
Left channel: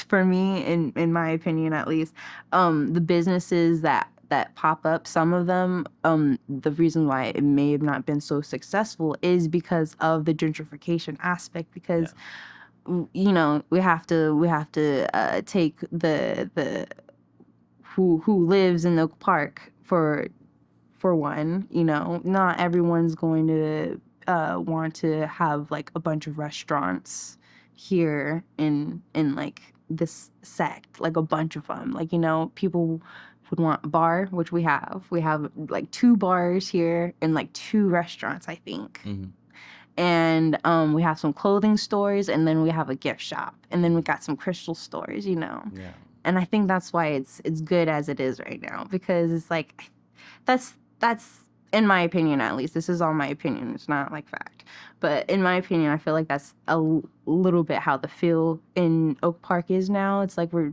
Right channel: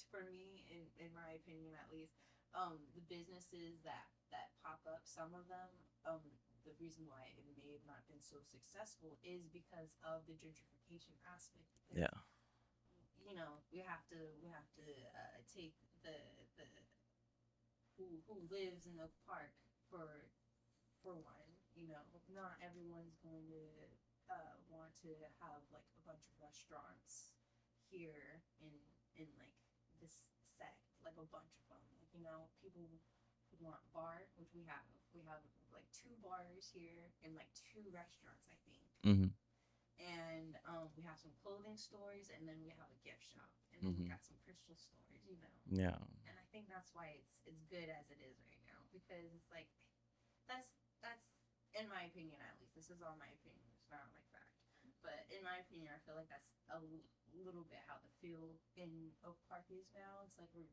for me, in my opinion at least, the businesses that pop up, some of them, the reason why it may have not been so successful is because of the gentrification aspect. Yeah. Because we have to take the who lives in Oak Park for one. Not everyone's going to want to have like a bunch of restaurants here in like this sect, like a bunch of them. Like, people would want a bar, which we have. We have like 2 bars here and like 2 restaurants, I think. Mm-hmm. And we have some clothing stores, and then we have a gift shop, and then we Mhm. got some crystal stores, you know. Yeah. And I think that's why it's good as it is right now, because it's like that's in my opinion, at least. This is all my opinion. It's not like fact. But in my opinion, I feel like that's a little bit how the feel in Oak Park is now. It's like we're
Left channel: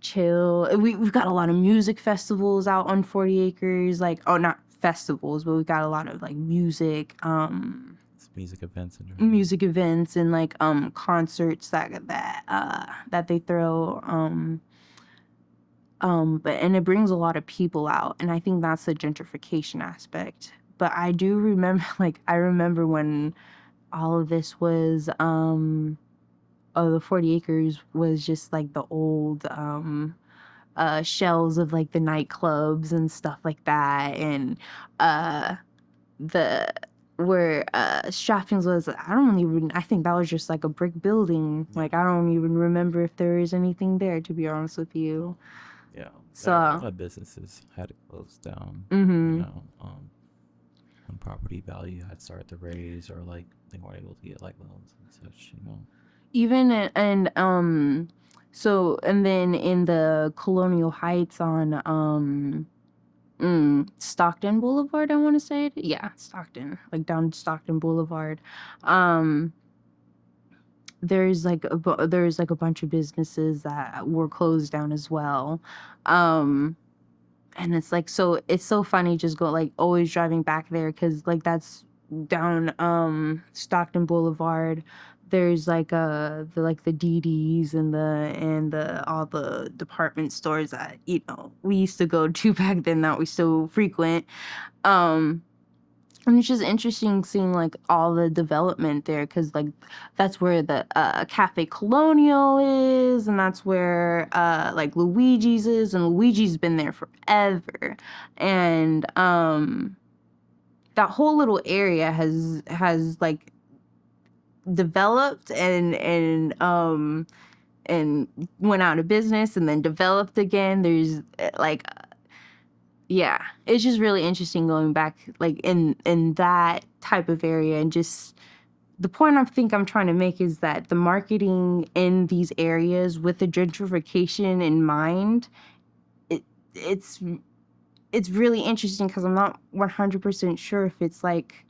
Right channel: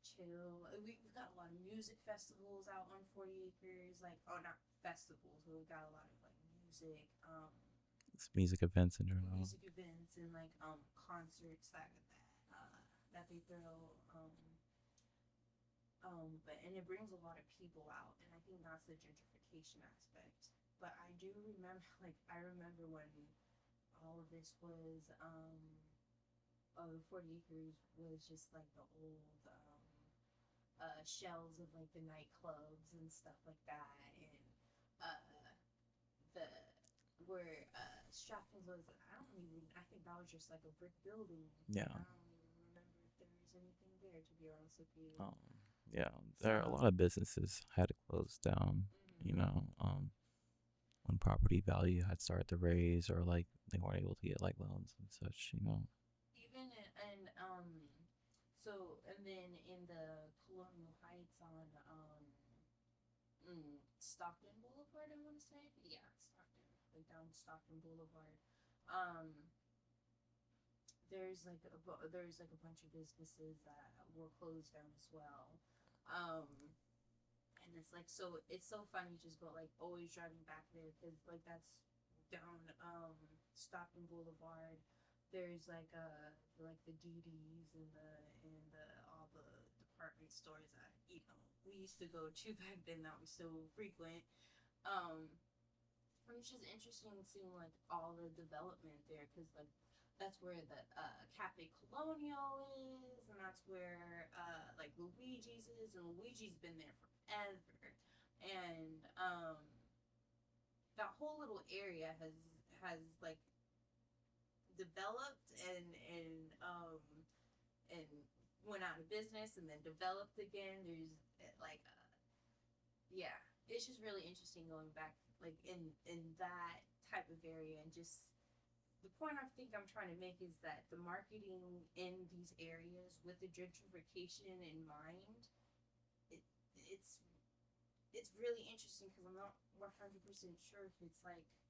chill. We've got a lot of music festivals out on 40 acres, like, oh, not festivals, but we've got a lot of like music It's music events in general. music events and like concerts that they throw but and it brings a lot of people out, and I think that's the gentrification aspect. But I do remember like I remember when all of this was the 40 acres was just like the old shells of like the nightclubs and stuff like that, and the where Strappings was, I think that was just like a brick building. Yeah. Like I don't even remember if there is anything there, to be honest with you. Yeah. So A lot of businesses had to close down. mhm. You know, when property value had started to raise, or like they weren't able to get like loans and such. You know. Even so, and then in the Colonial Heights on Stockton Boulevard, I want to say it. Yeah, Stockton, like down Stockton Boulevard. Um, there's like a bunch of businesses that were closed down as well. Um, and it's like it's so funny just go like always driving back there, because like that's down Stockton Boulevard. There's like the DDs and the all the department stores that, you know, we used to go to back then, that we still frequent. um and it's just interesting seeing like all the development there, because like that's where the Cafe Colonial is, and that's where like Luigi's is, and Luigi's been there forever. And that whole little area has like developed and went out of business and then developed again. There's like yeah, it's just really interesting going back like in that type of area. And just the point I think I'm trying to make is that the marketing in these areas with the gentrification in mind, it it's it's really interesting, because I'm not 100% sure if it's like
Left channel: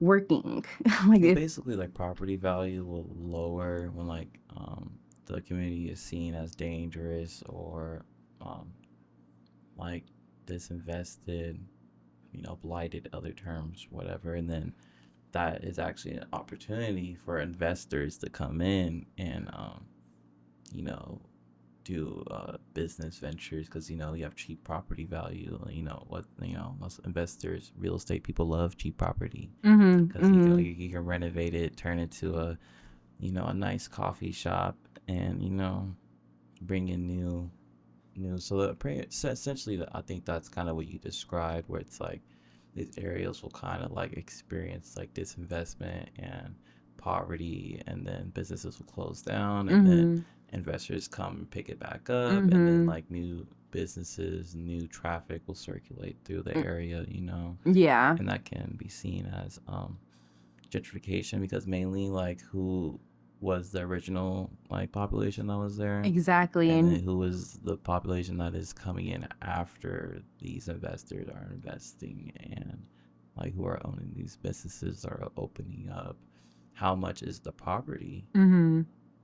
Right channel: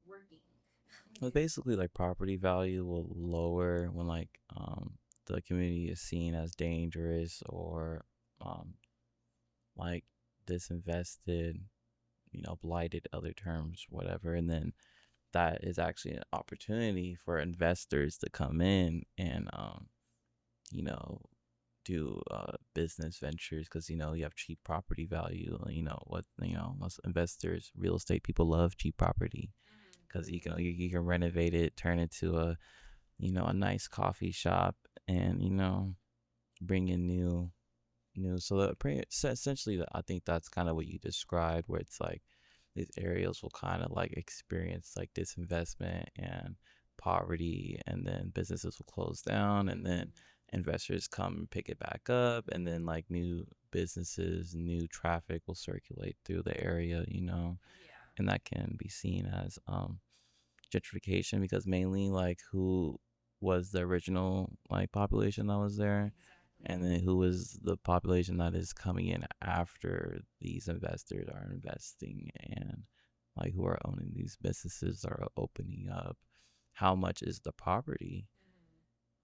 working. Like Well, if basically, like property value will lower when like the community is seen as dangerous, or um like disinvested, you know, blighted, other terms, whatever, and then that is actually an opportunity for investors to come in and you know, do business ventures, because you know you have cheap property value. You know what, you know, most investors, real estate people, love cheap property, because you can renovate it, turn it to a, you know, a nice coffee shop, and you know, bring in new. So so essentially, I think that's kind of what you described, where it's like these areas will kind of like experience like disinvestment and poverty, and then businesses will close down, and then investors come and pick it back up, and then like new businesses, new traffic will circulate through the area, you know. yeah, And that can be seen as gentrification, because mainly like who was the original like population that was there, exactly. and then And who was the population that is coming in after these investors are investing, and like who are owning these businesses that are opening up. How much is the property,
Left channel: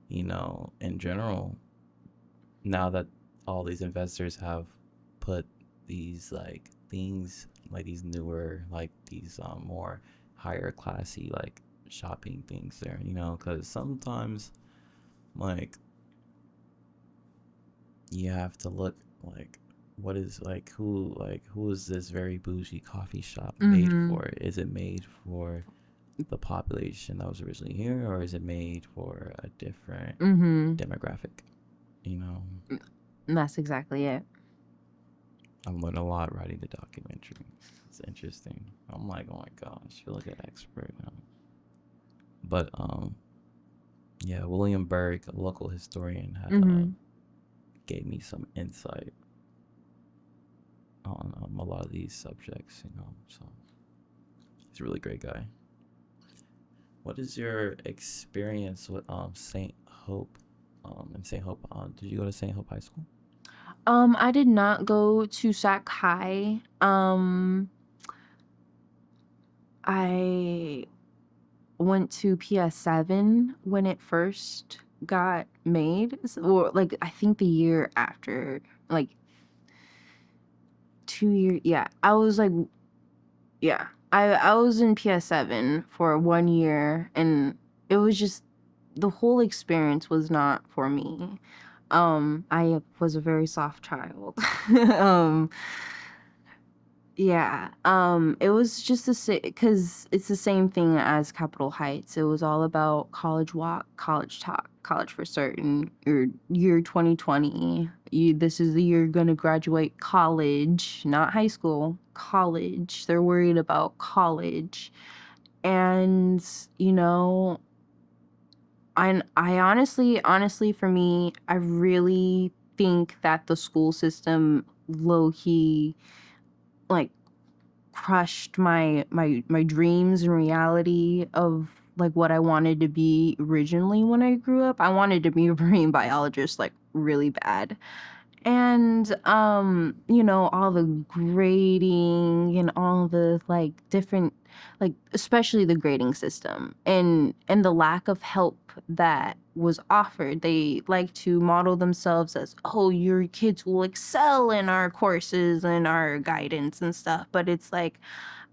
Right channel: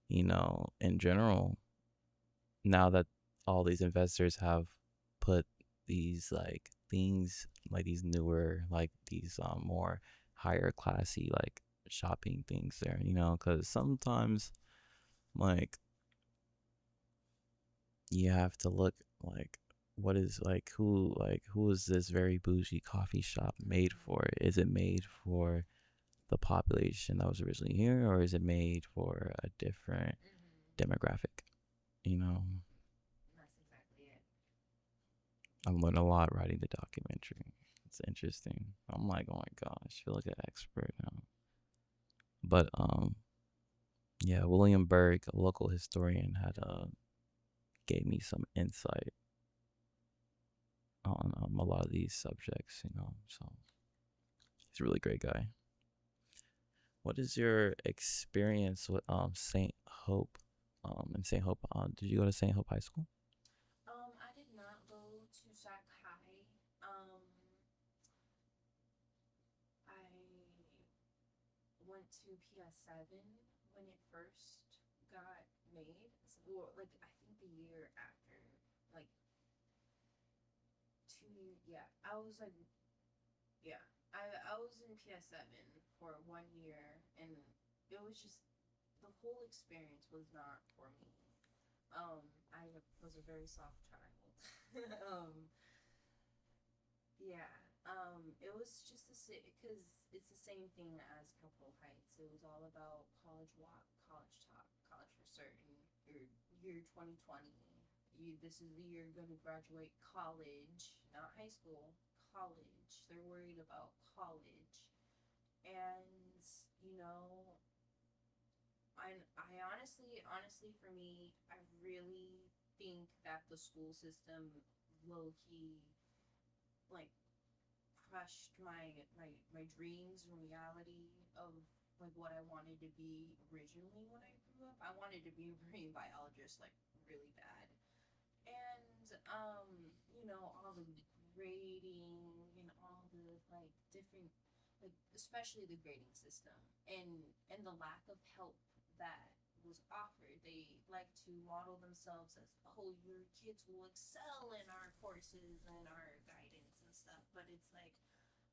you know, in general, now that all these investors have put these like things, like these newer, like these more higher classy like shopping things there, you know, because sometimes like you have to look like what is like who is this very bougie coffee shop made for? Is it made for the population that was originally here, or is it made for a different demographic, you know? that's exactly it. I've learned a lot writing the documentary. It's interesting. I'm like, oh my gosh, I feel like an expert now. But yeah, William Berg, a local historian, had gave me some insight on a lot of these subjects, so he's a really great guy. What is your experience with St. Hope and St. Hope? Did you go to St. Hope High School? I did not go to Sac High. I went to PS7 when it first got made, or like I think the year after, like 2 years. Yeah, I was like, yeah, I was in PS7 for 1 year, and it was just the whole experience was not for me. I was a very soft child. um Yeah, it was just the same because it's the same thing as Capitol Heights. It was all about college walk, college talk, college for certain. Your year 2020, this is the year you're gonna graduate college, not high school, college. They're worried about college, and you know, I honestly, for me, I really think that the school system low key like crushed my dreams and reality of like what I wanted to be originally when I grew up. I wanted to be a marine biologist like really bad. And all the grading and all the like different, like especially the grading system and the lack of help that was offered. They like to model themselves as, oh, your kids will excel in our courses and our guidance and stuff, but it's like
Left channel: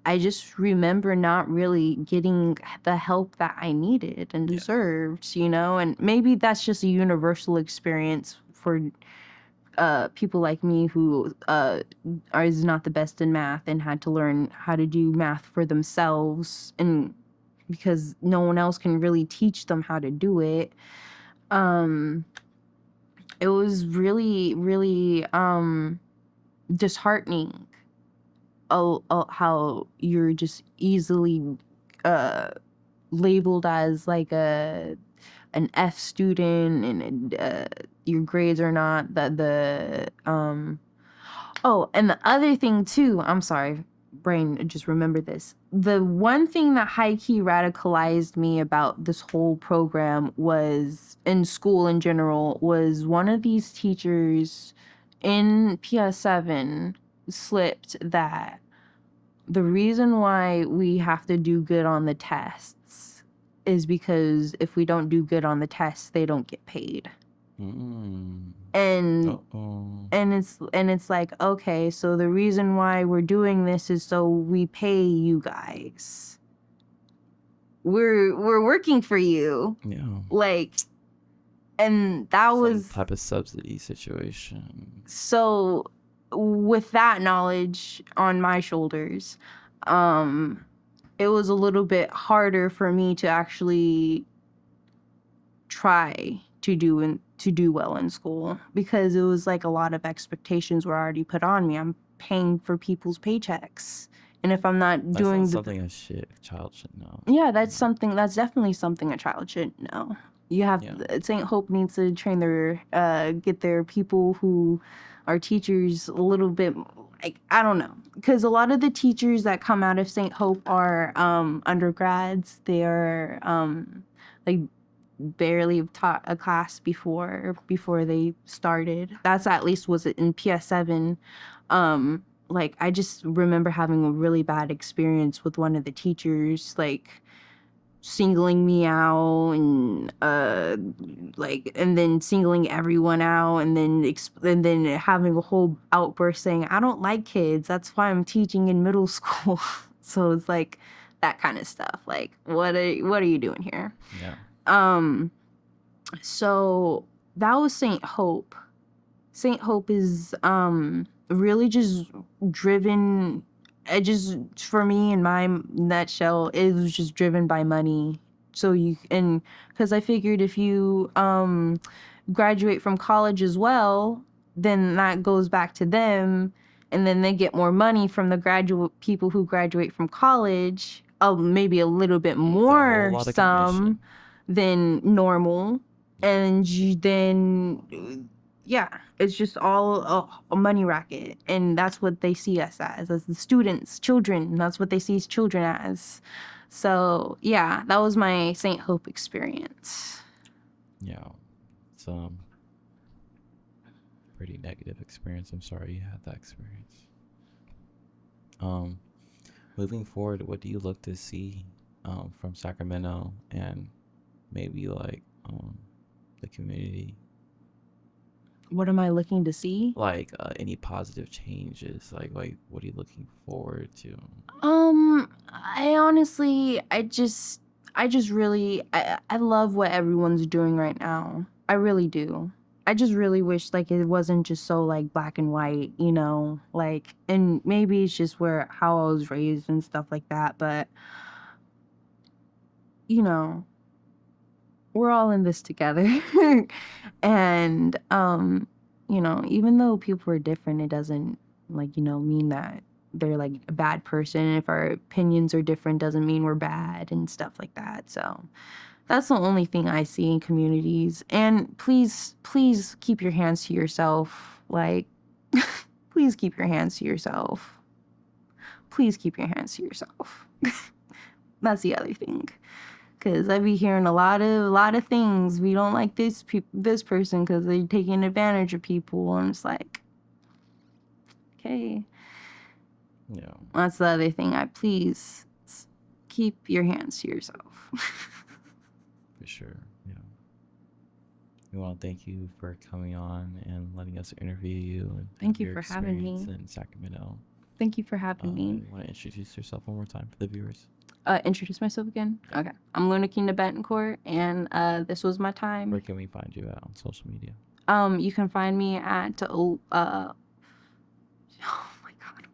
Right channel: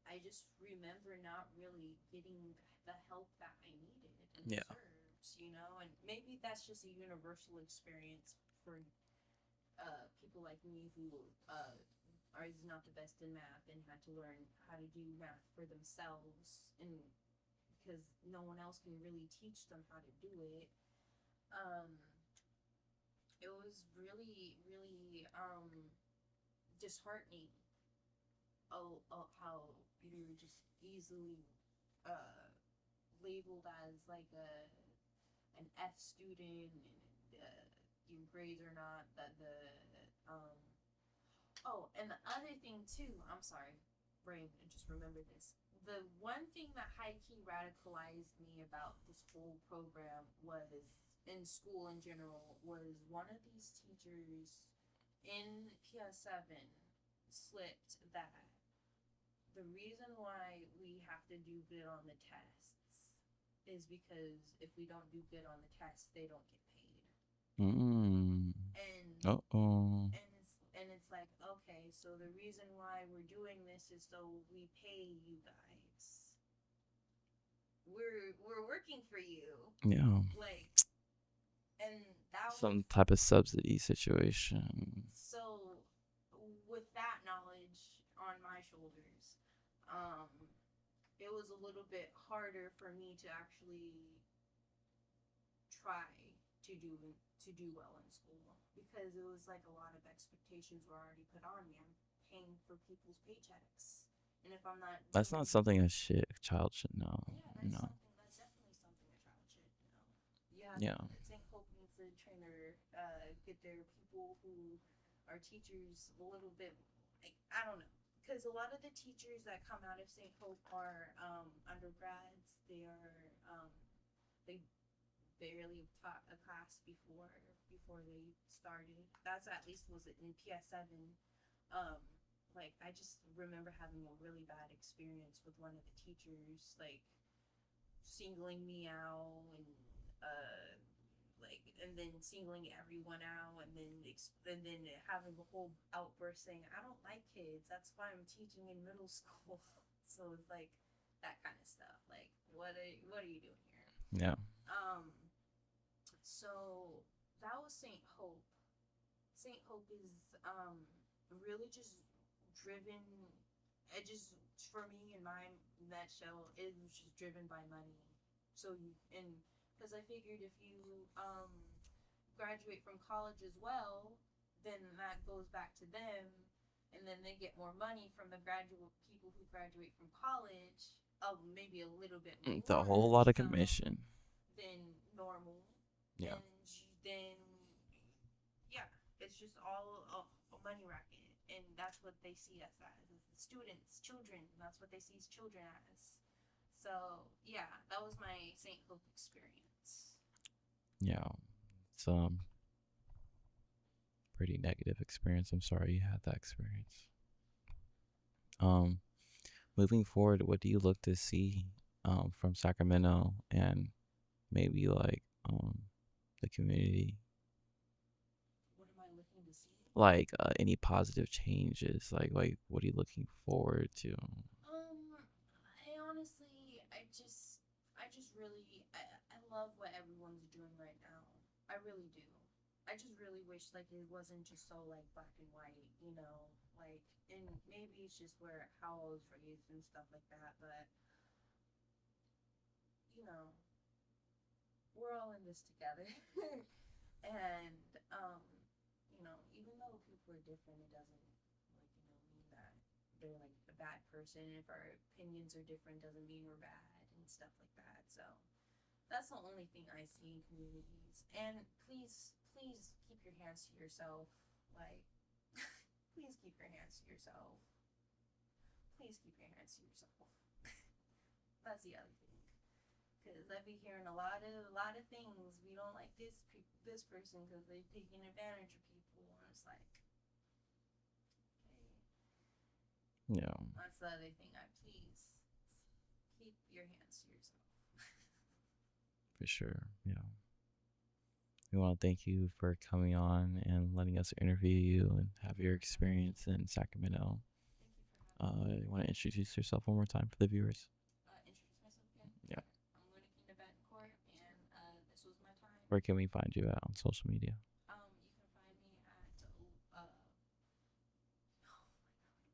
I just remember not really getting the help that I needed and Yeah. deserved, and maybe that's just a universal experience for people like me who is not the best in math and had to learn how to do math for themselves, and because no one else can really teach them how to do it. It was really really disheartening how you're just easily uh labeled as like an F student, and your grades are not the. Oh, and the other thing too, I'm sorry, brain just remembered this. The one thing that high key radicalized me about this whole program was, in school in general, was one of these teachers in PS7 slipped that the reason why we have to do good on the tests is because if we don't do good on the tests, they don't get paid. Mm. And Uh-oh. and it's like, okay, so the reason why we're doing this is so we pay you guys. We're working for you. Yeah. Like, and that Some was type of subsidy situation. so, with that knowledge on my shoulders, it was a little bit harder for me to actually try to do well in school, because it was like a lot of expectations were already put on me. I'm paying for people's paychecks, and if I'm not That's doing not something a child should know. yeah, that's definitely something a child should know. You have Yeah. St. Hope needs to train their get their people who are teachers a little bit, like, I don't know, because a lot of the teachers that come out of St. Hope are undergrads. They are like barely have taught a class before they started. That's at least was it in PS7. Like, I just remember having a really bad experience with one of the teachers, like singling me out, and like, and then singling everyone out, and then having a whole outburst saying, I don't like kids, that's why I'm teaching in middle school. So it's like that kind of stuff, like, what are you doing here? Yeah. So that was St. Hope. St. Hope is really just driven, it just, for me, in my nutshell, it was just driven by money. So and because I figured if you graduate from college as well, then that goes back to them, and then they get more money from the graduate people who graduate from college, maybe a little bit It's a whole more lot of commission. than normal. And then yeah, it's just all a money racket, and that's what they see us as the students, children. That's what they see children as. So yeah, that was my St. Hope experience. Yeah, it's pretty negative experience. I'm sorry you had that experience. Moving forward, what do you look to see from Sacramento and maybe like the community? What am I looking to see? Like any positive changes? Like what are you looking forward to? I honestly, I just really, I love what everyone's doing right now. I really do. I just really wish like it wasn't just so like black and white, you know, like, and maybe it's just where how I was raised and stuff like that, but you know, we're all in this together. And you know, even though people are different, it doesn't like, you know, mean that they're like a bad person. If our opinions are different, doesn't mean we're bad and stuff like that. So that's the only thing I see in communities. And please keep your hands to yourself. Like please keep your hands to yourself. Please keep your hands to yourself. That's the other thing. Cause I be hearing a lot of things. We don't like this person because they're taking advantage of people. And it's like, okay. Yeah. That's the other thing. Please keep your hands to yourself. For sure. Yeah. We want to thank you for coming on and letting us interview you and Thank have you your for having me. experience in Sacramento. Thank you for having me. You want to introduce yourself one more time for the viewers? Introduce myself again? Yeah. Okay. I'm Luna King Tibetan Court, and this was my time. Where can we find you at on social media? You can find me at oh my god.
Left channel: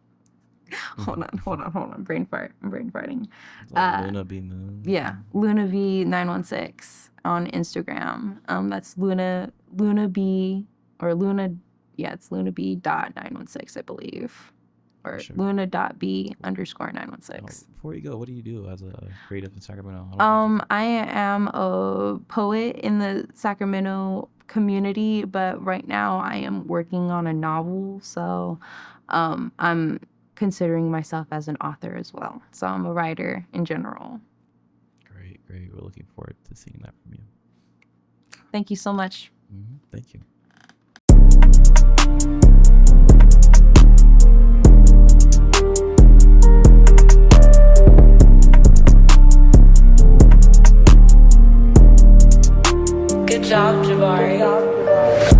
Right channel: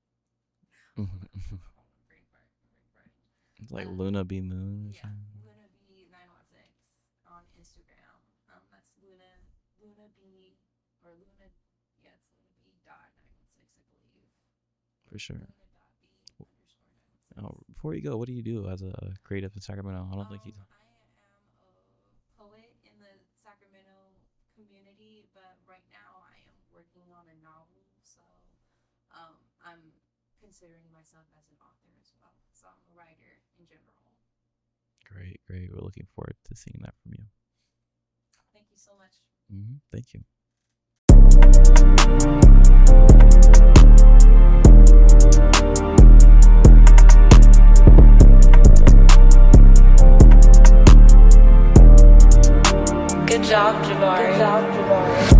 Hold on. Brain fart. I'm brain farting. Like Luna B Moon. Yeah, Luna V 916 on Instagram. That's Luna B or Luna. Yeah, it's Luna B dot 916, I believe. Or Sure. Luna.B _ 916. Before you go, what do you do as a creative in Sacramento? I am a poet in the Sacramento community, but right now I am working on a novel, so I'm considering myself as an author as well. So I'm a writer in general. Great. We're looking forward to seeing that from you. Thank you so much. Thank you. Good job, Jabari.